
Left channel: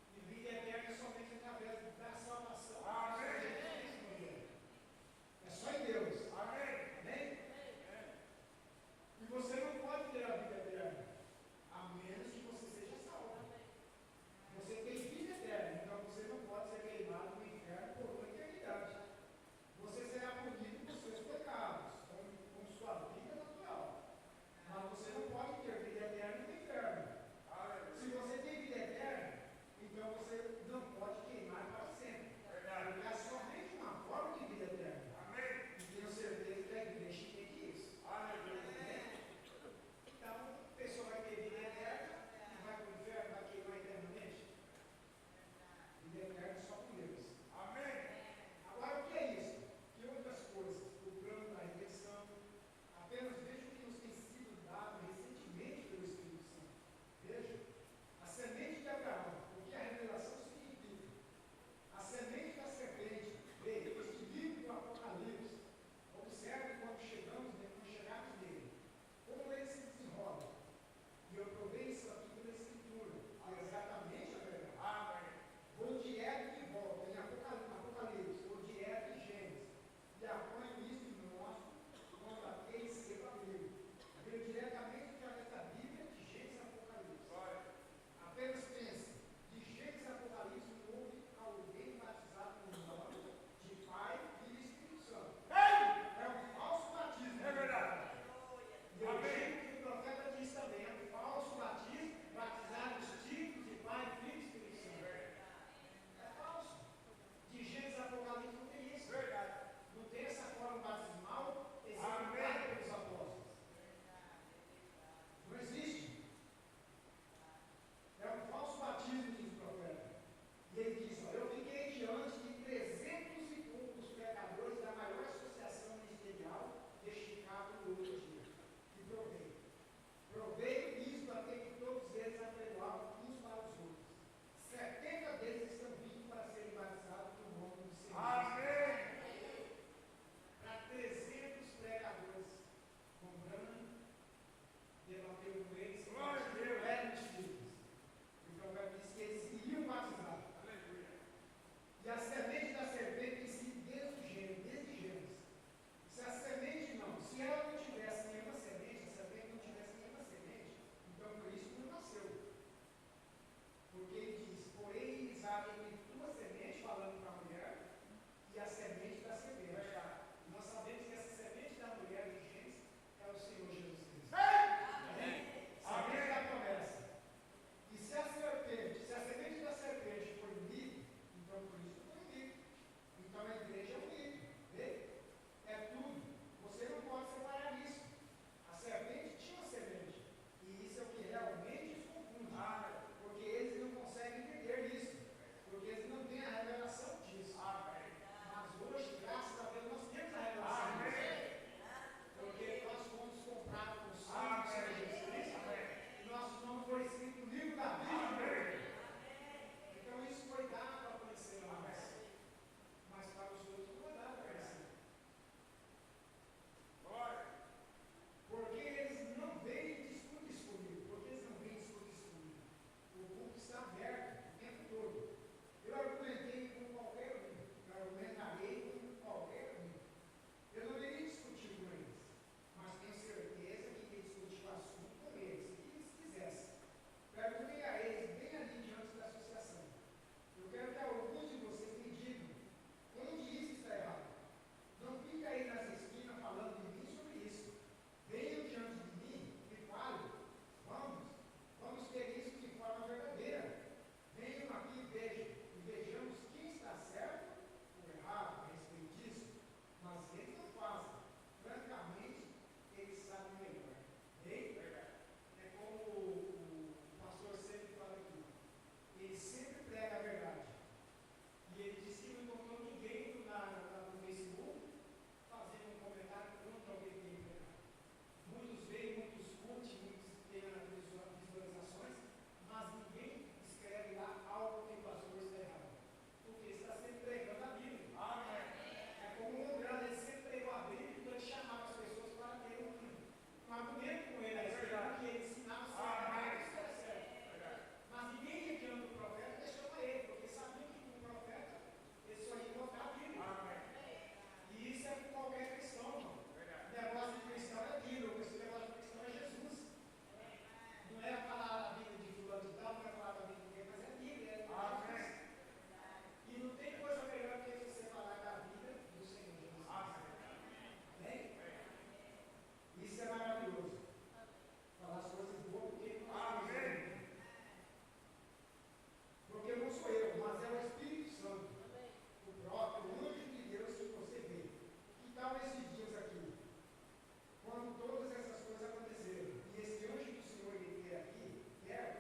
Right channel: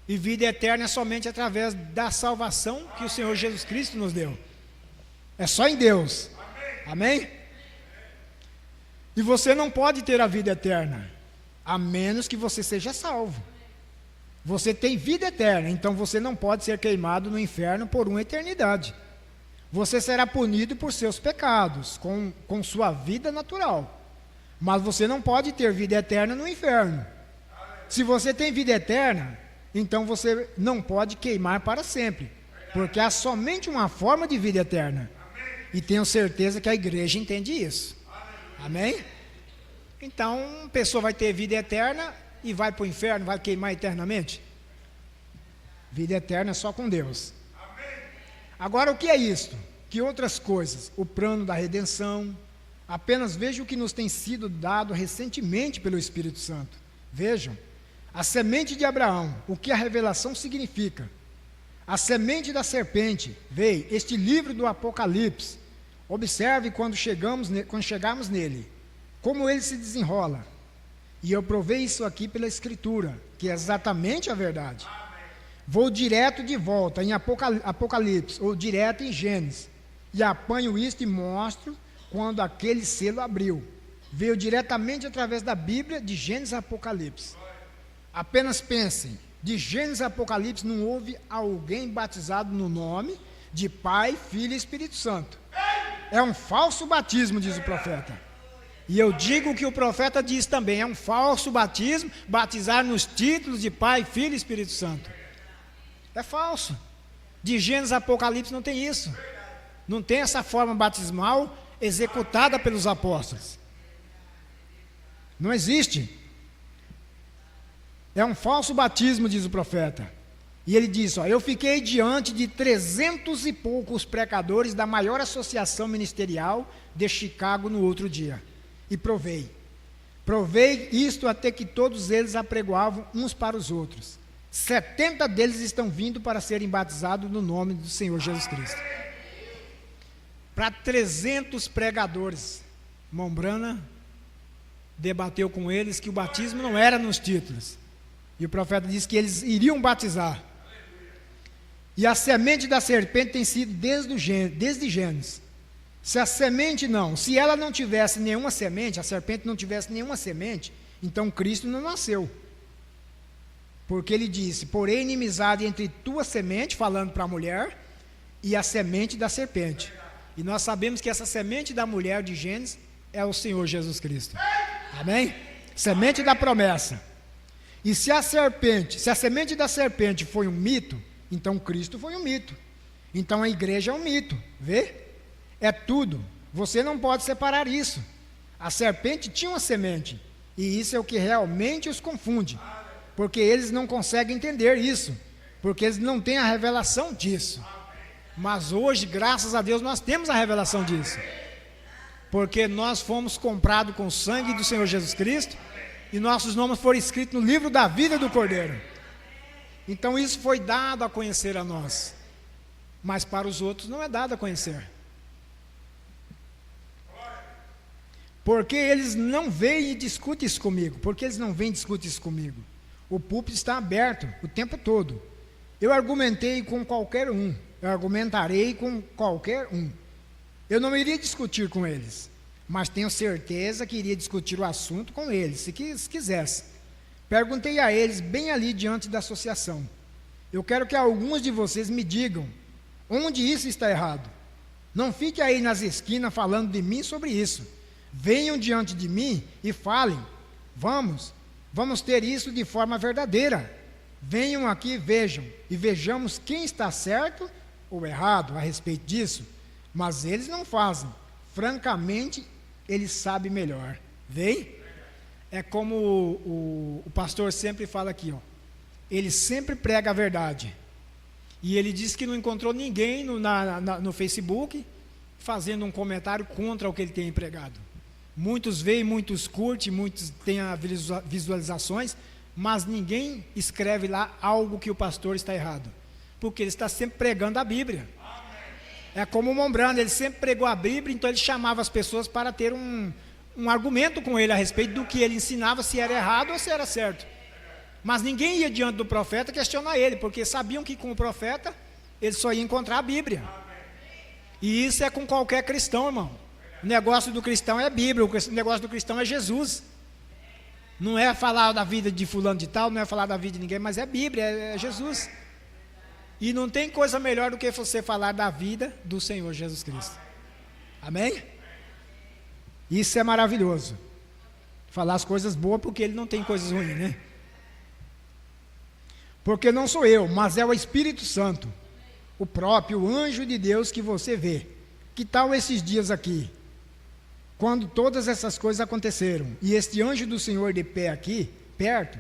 E vida eterna é somente através da salvação que o Senhor Jesus Cristo nos deu. É só em Deus. Amém? E você não pode ter a vida eterna, a menos que você seja salvo. Você tem vida eterna, então você não pode ser queimado no inferno por uma eternidade. Você será punido por seus pecados, com sua vida natural. Mas você não pode ter vida eterna no inferno. Se você tem vida eterna, então você não pode queimar para sempre, porque há somente uma forma de vida eterna. E tenho certeza que a igreja entende isso. Amém? Então, a pessoa vai ter vida eterna e vai para o inferno, vai queimar eternamente? Vida eterna é só com Deus. Agora, o que é isto? Que outras coisas? O plano da redenção. Apenas veja o que nos tem sido dado recentemente pelo Espírito Santo. Vejam, a semente de Abraão, o que a revelação significa. A semente da serpente, veio, este livro do Apocalipse. Observe quando chegarmos nele, como ele se desenrola. E eu provei isso aqui pela Escritura, que é exatamente a verdade. Vou direto de volta em Apocalipse, ou direto em Gênesis, e apanho isto e mostro quando aquele selo abriu. Veio diretamente através da Bíblia, de Gênesis a Apocalipse. Apenas pensem, de Gênesis a Apocalipse não houve alguém batizado no nome de Pai, Filho e Espírito Santo. É um falso batismo, diz o profeta. E eu digo o que o profeta diz também, é um falso batismo, batizar nos títulos de Pai, Filho e Espírito Santo. É falso. De Gênesis a Apocalipse não tem isso. Não tem essa forma batismal executada pelos apóstolos. Não existe. É um falso batismo, diz o profeta. E ele diz, eu fiquei diante de 300 e poucos pregadores da maior associação ministerial de Chicago no outro dia. E provei isto até que todos eles apregoavam uns para os outros. 70 deles estão vindo para serem batizados no nome do Senhor Jesus Cristo. Para 300 pregadores, Mombrana debateu com eles que o batismo não era nos títulos. E o profeta disse que eles iriam batizar. E a semente da serpente tem sido desde Gênesis. Se a semente se ela não tivesse nenhuma semente, a serpente não tivesse nenhuma semente, então Cristo não nasceu. Porque ele disse, porém inimizade entre tua semente, falando para a mulher, e a semente da serpente. E nós sabemos que essa semente da mulher de Gênesis é o Senhor Jesus Cristo. Amém? Semente da promessa. E se a semente da serpente foi um mito, então Cristo foi um mito. Então a igreja é um mito. Vê? É tudo. Você não pode separar isso. A serpente tinha uma semente. E isso é o que realmente os confunde. Porque eles não conseguem entender isso. Porque eles não têm a revelação disso. Mas hoje, graças a Deus, nós temos a revelação disso. Porque nós fomos comprados com o sangue do Senhor Jesus Cristo e nossos nomes foram escritos no livro da vida do Cordeiro. Então isso foi dado a conhecer a nós, mas para os outros não é dado a conhecer. Porque eles não vêm e discutem isso comigo. Porque eles não vêm e discutem isso comigo. O púlpito está aberto o tempo todo. Eu argumentei com qualquer um. Eu argumentarei com qualquer um. Eu não iria discutir com eles, mas tenho certeza que iria discutir o assunto com eles, se quisesse. Perguntei a eles bem ali diante da associação. Eu quero que alguns de vocês me digam onde isso está errado. Não fique aí nas esquinas falando de mim sobre isso. Venham diante de mim e falem. Vamos ter isso de forma verdadeira. Venham aqui e vejam, e vejamos quem está certo ou errado a respeito disso. Mas eles não fazem. Francamente, eles sabem melhor. Vem? É como o pastor sempre fala aqui, ó. Ele sempre prega a verdade. E ele diz que não encontrou ninguém no Facebook fazendo um comentário contra o que ele tem pregado. Muitos veem, muitos curtem, muitos têm visualizações, mas ninguém escreve lá algo que o pastor está errado, porque ele está sempre pregando a Bíblia. É como o Mombrando, ele sempre pregou a Bíblia, então ele chamava as pessoas para ter um argumento com ele a respeito do que ele ensinava, se era errado ou se era certo. Mas ninguém ia diante do profeta questionar ele, porque sabiam que com o profeta ele só ia encontrar a Bíblia. E isso é com qualquer cristão, irmão. O negócio do cristão é a Bíblia, o negócio do cristão é Jesus. Não é falar da vida de fulano de tal, não é falar da vida de ninguém, mas é a Bíblia, é Jesus. E não tem coisa melhor do que você falar da vida do Senhor Jesus Cristo. Amém? Isso é maravilhoso. Falar as coisas boas porque ele não tem coisas ruins, né? Porque não sou eu, mas é o Espírito Santo, o próprio anjo de Deus que você vê. Que tal esses dias aqui? Quando todas essas coisas aconteceram, e este anjo do Senhor de pé aqui, perto,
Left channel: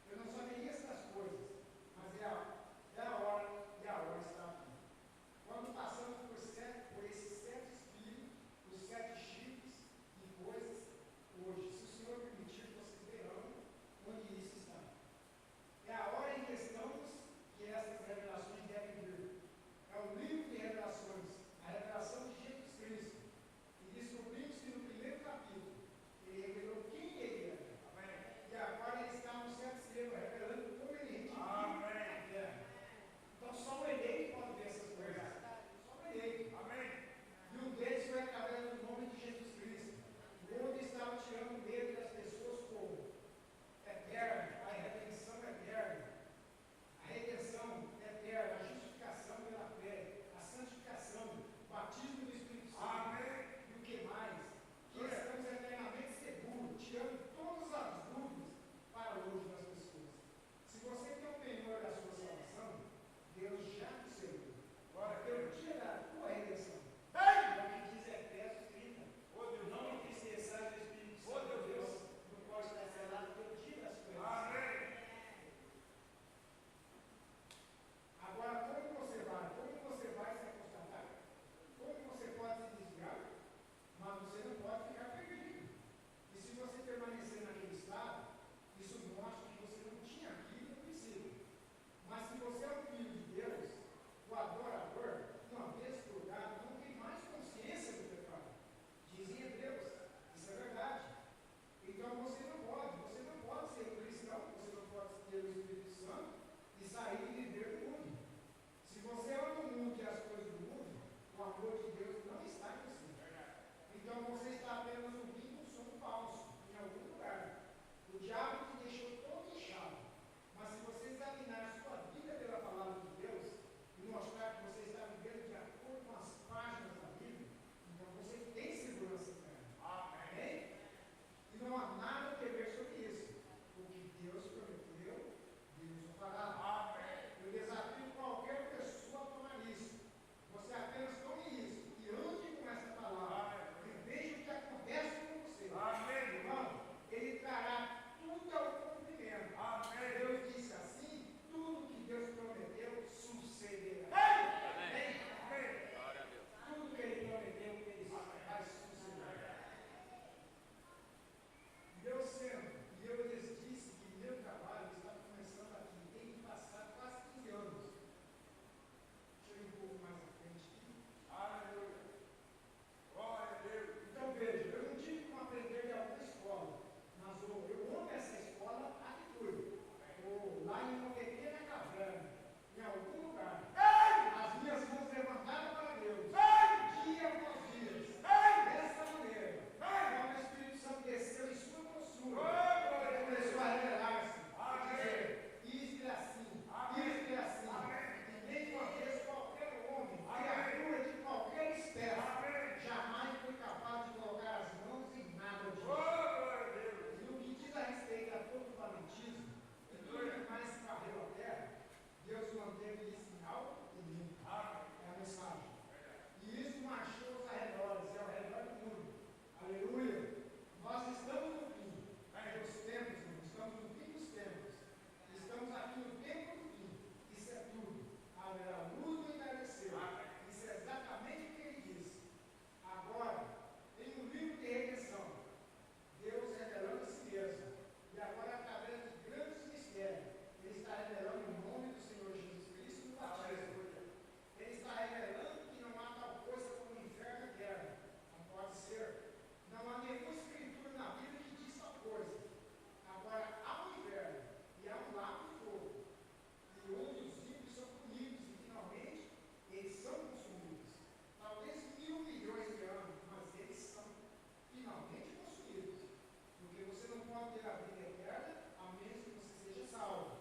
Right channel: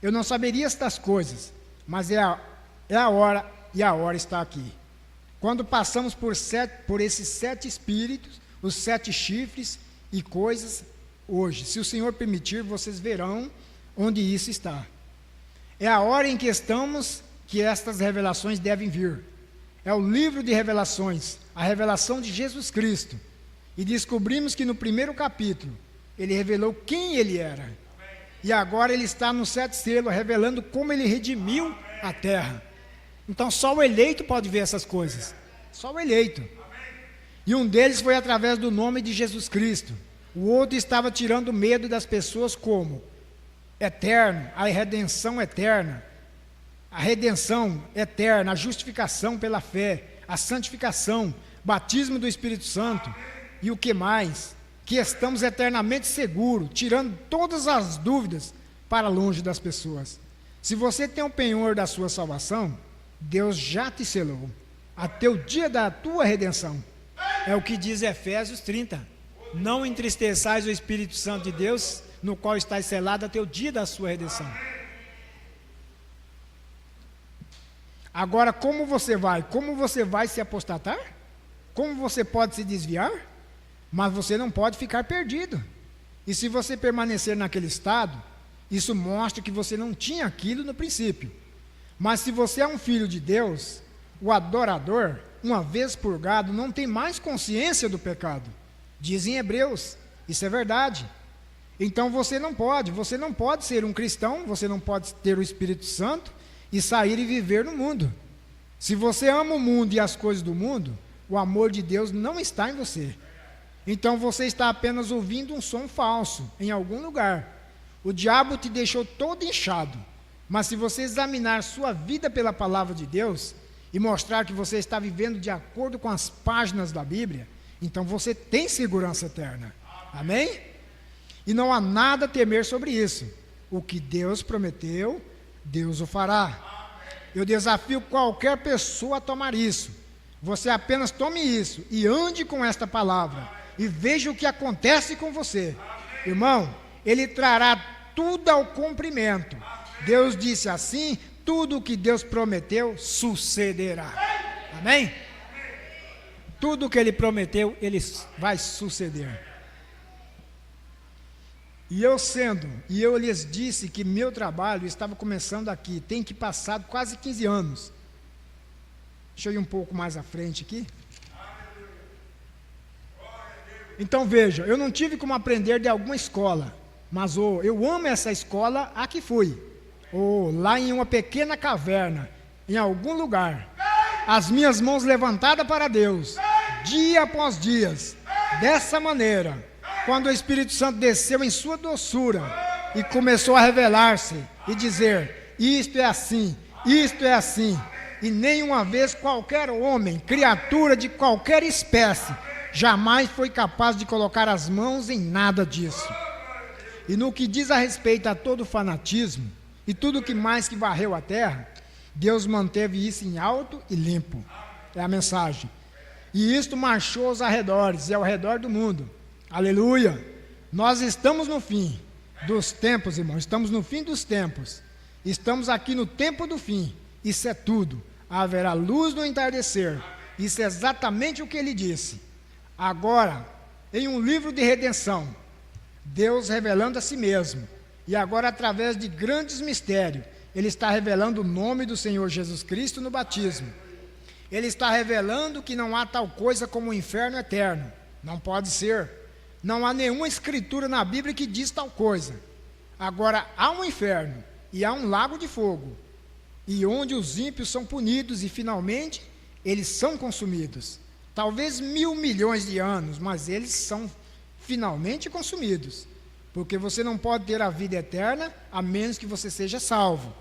eu não saberia estas coisas, mas é a hora, e a hora está aqui. Quando passamos por esses 7 espíritos, os 7 chifres e coisas, hoje, se o Senhor permitir, vocês verão onde isso está. É a hora em que estamos que estas revelações devem vir. É o livro de revelações, a revelação de Jesus Cristo. E descobrimos que no primeiro capítulo, ele revelou quem ele era. E agora ele está no 7º selo, revelando como ele redimiu a terra. Então só o eleito pode ver essas coisas. Só o eleito. E um deles foi através do nome de Jesus Cristo. O outro estava tirando medo das pessoas como eterno, a redenção eterna. A redenção eterna, a justificação pela fé, a santificação, batismo do Espírito Santo. E o que mais? Que estamos eternamente seguros, tirando todas as dúvidas para longe das pessoas. Se você tem o penhor da sua salvação, Deus já te selou, até o dia da tua redenção. É o que diz Efésios 30. Não entristeçais o Espírito Santo de Deus, no qual estás selado até o dia da sua redenção. Agora, como você vai? Como você vai se apostatar? Como você pode se desviar? Mas você não pode ficar perdido. E se você permanecer naquele estado, isso mostra que você não tinha aquilo no princípio. Mas se você é um filho de Deus, o adorador, uma vez purgado, não tem mais consciência do pecado. Dizem Hebreus, isso é verdade. Então você não pode ser um cristão, você não pode ter o Espírito Santo e sair e viver no mundo. Se você ama o mundo e as coisas do mundo, o amor de Deus não está em você. Então você está apenas ouvindo um som falso em algum lugar. O diabo te deixou todo inchado. Mas se você examinar sua vida pela palavra de Deus e mostrar que você está vivendo de acordo com as páginas da Bíblia, então você tem segurança eterna. Amém? E não há nada a temer sobre isso. O que Deus prometeu, Deus o fará. Eu desafio qualquer pessoa a tomar isso. Você apenas tome isso e ande com esta palavra e veja o que acontece com você. Irmão, ele trará tudo ao cumprimento. Deus disse assim, tudo o que Deus prometeu sucederá. Amém? tudo que ele prometeu, ele vai suceder. E eu lhes disse que meu trabalho estava começando aqui, tem que passar quase 15 anos. Deixa eu ir um pouco mais à frente aqui. Então veja, eu não tive como aprender de alguma escola, mas eu amo essa escola a que fui. Lá em uma pequena caverna, em algum lugar, as minhas mãos levantadas para Deus, dia após dia, dessa maneira, quando o Espírito Santo desceu em sua doçura e começou a revelar-se e dizer, isto é assim, e nenhuma vez qualquer homem, criatura de qualquer espécie, jamais foi capaz de colocar as mãos em nada disso. E no que diz a respeito a todo fanatismo, e tudo que mais que varreu a terra, Deus manteve isso em alto e limpo. É a mensagem. E isto marchou aos arredores, e ao redor do mundo. Aleluia! Nós estamos no fim dos tempos, irmãos. Estamos no fim dos tempos. Estamos aqui no tempo do fim. Isso é tudo. Haverá luz no entardecer. Isso é exatamente o que ele disse. Agora, em um livro de redenção, Deus revelando a si mesmo. E agora, através de grandes mistérios, Ele está revelando o nome do Senhor Jesus Cristo no batismo. Ele está revelando que não há tal coisa como o inferno eterno. Não pode ser. Não há nenhuma escritura na Bíblia que diz tal coisa. Agora, há um inferno e há um lago de fogo, e onde os ímpios são punidos e, finalmente, eles são consumidos. Talvez 1.000 milhões de anos, mas eles são finalmente consumidos. Porque você não pode ter a vida eterna, a menos que você seja salvo.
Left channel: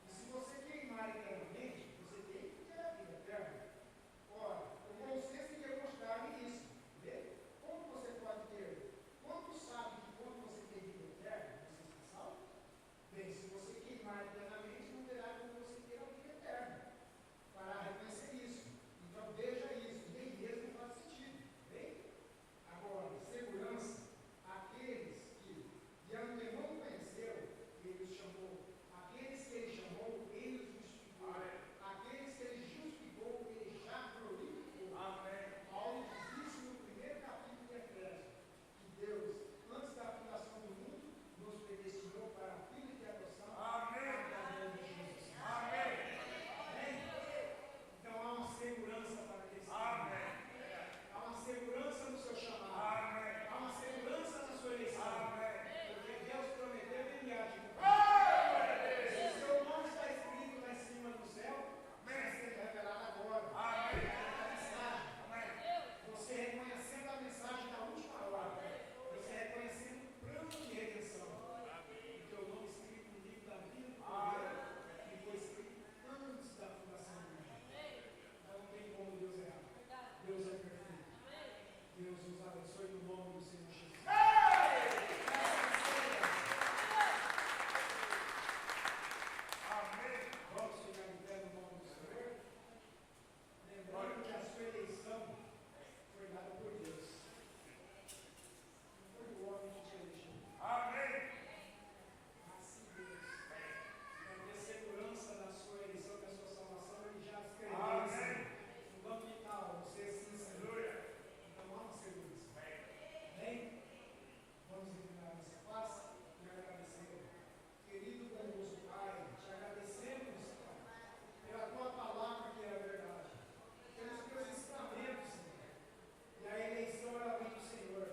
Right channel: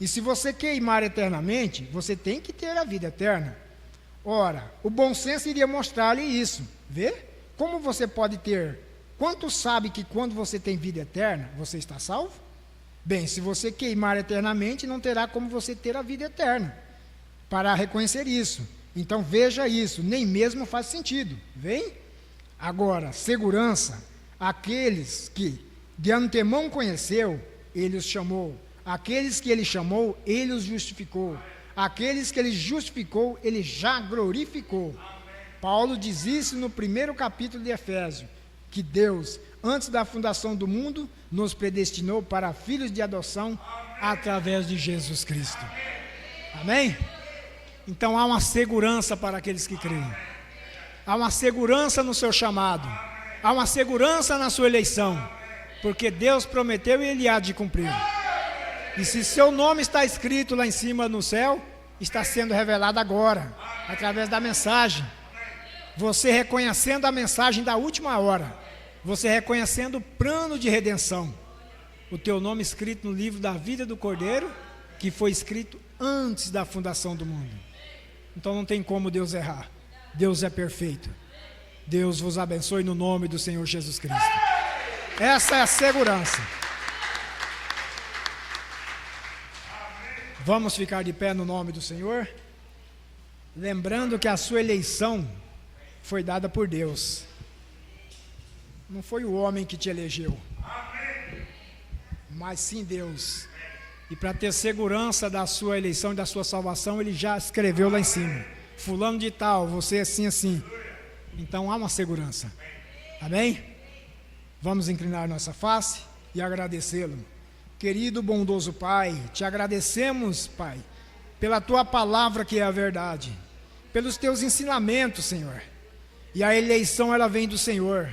E se você queimar eternamente, você tem que ter a vida eterna. Ora, o bom senso iria mostrar-lhe isso. Vê? Como você pode ter? Quanto sabe que quando você tem vida eterna, você está salvo? Bem, se você queimar eternamente, não terá como você ter a vida eterna. Para reconhecer isso. Então veja isso, nem mesmo faz sentido. Vem? Agora, segurança. Aqueles que de antemão conheceu, ele os chamou. Aqueles que ele chamou, ele os justificou. Aqueles que ele justificou, ele já glorificou. Paulo diz isso no primeiro capítulo de Efésios, que Deus, antes da fundação do mundo, nos predestinou para filhos de adoção através de Jesus Cristo. Amém? Então há uma segurança para aqueles que creem. Há uma segurança no seu chamado. Há uma segurança na sua eleição. Porque Deus prometeu e Ele há de cumprir. E se seu nome está escrito lá em cima no céu, está sendo revelado agora, através da mensagem. Você reconhecendo a mensagem da última hora, você reconhecendo o plano de redenção, o teu nome escrito no livro da vida do Cordeiro, que foi escrito antes da fundação do mundo. Então não tem como Deus errar. Deus é perfeito. Deus vos abençoe no nome do Senhor Jesus Cristo. Essa é a segurança. Vamos ficar de pé no nome do Senhor, lembrando que a sua eleição foi dada por Deus. Não foi o homem que te elegeu, mas sim Deus. E para ter segurança da sua eleição e da sua salvação, Ele já escreveu lá em cima: fulano de tal, você assim, assim. Então há uma segurança. Amém? Vamos inclinar nossa face e agradecê-lo. Querido bondoso Pai, te agradecemos, Pai, pela Tua palavra que é a verdade, pelos Teus ensinamentos, Senhor. E a eleição, ela vem do Senhor.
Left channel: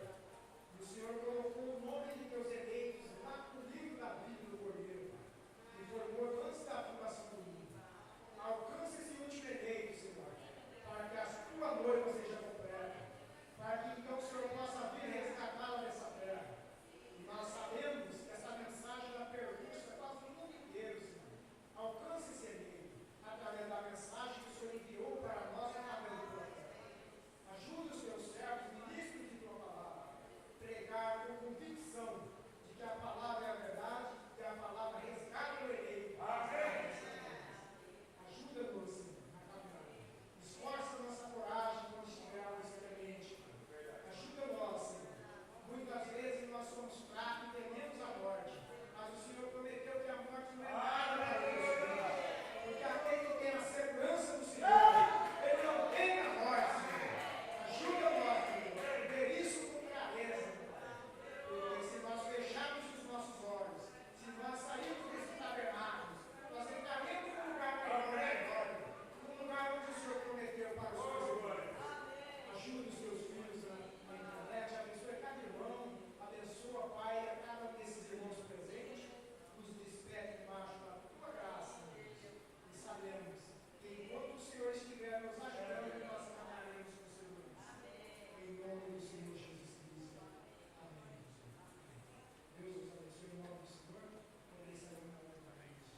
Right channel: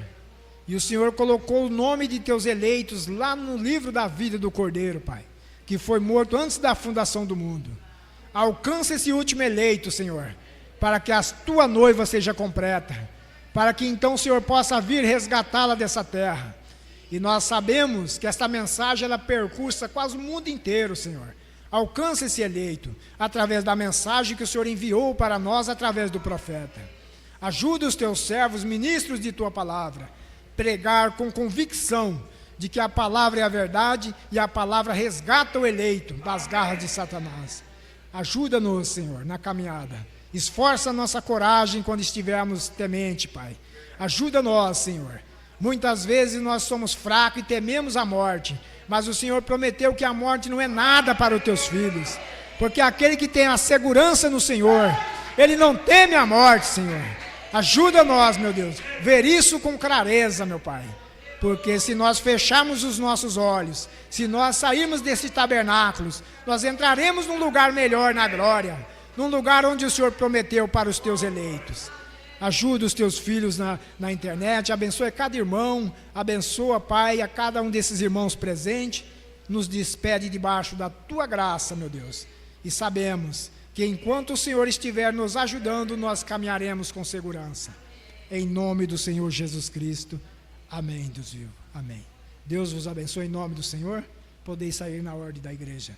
E o Senhor colocou o nome de Teus eleitos lá no livro da vida do Cordeiro, Pai, que foi morto antes da fundação do mundo. Alcança esse último eleito, Senhor, para que a Tua noiva seja completa, para que então o Senhor possa vir resgatá-la dessa terra. E nós sabemos que esta mensagem, ela percursa quase o mundo inteiro, Senhor. Alcança esse eleito, através da mensagem que o Senhor enviou para nós, através do profeta. Ajuda os Teus servos, ministros de Tua palavra, pregar com convicção de que a palavra é a verdade e a palavra resgata o eleito das garras de Satanás. Ajuda-nos, Senhor, na caminhada. Esforça a nossa coragem quando estivermos temente, Pai. Ajuda-nos, Senhor. Muitas vezes nós somos fracos e tememos a morte, mas o Senhor prometeu que a morte não é nada para os Teus filhos, porque aquele que tem a segurança no Senhor, ele não teme a morte, Senhor. Ajuda nós, meu Deus, ver isso com clareza, meu Pai. Porque se nós fecharmos os nossos olhos, se nós sairmos desses tabernáculos, nós entraremos num lugar melhor na glória, num lugar onde o Senhor prometeu para os teus eleitos. Ajuda os teus filhos na internet, abençoa cada irmão, abençoa, Pai, a cada um desses irmãos presentes, nos despede debaixo da tua graça, meu Deus. E sabemos que enquanto o Senhor estiver nos ajudando, nós caminharemos com segurança. Em nome do Senhor Jesus Cristo. Amém, Deus vivo. Amém. Deus vos abençoe em nome do Senhor. Podeis sair na ordem da igreja.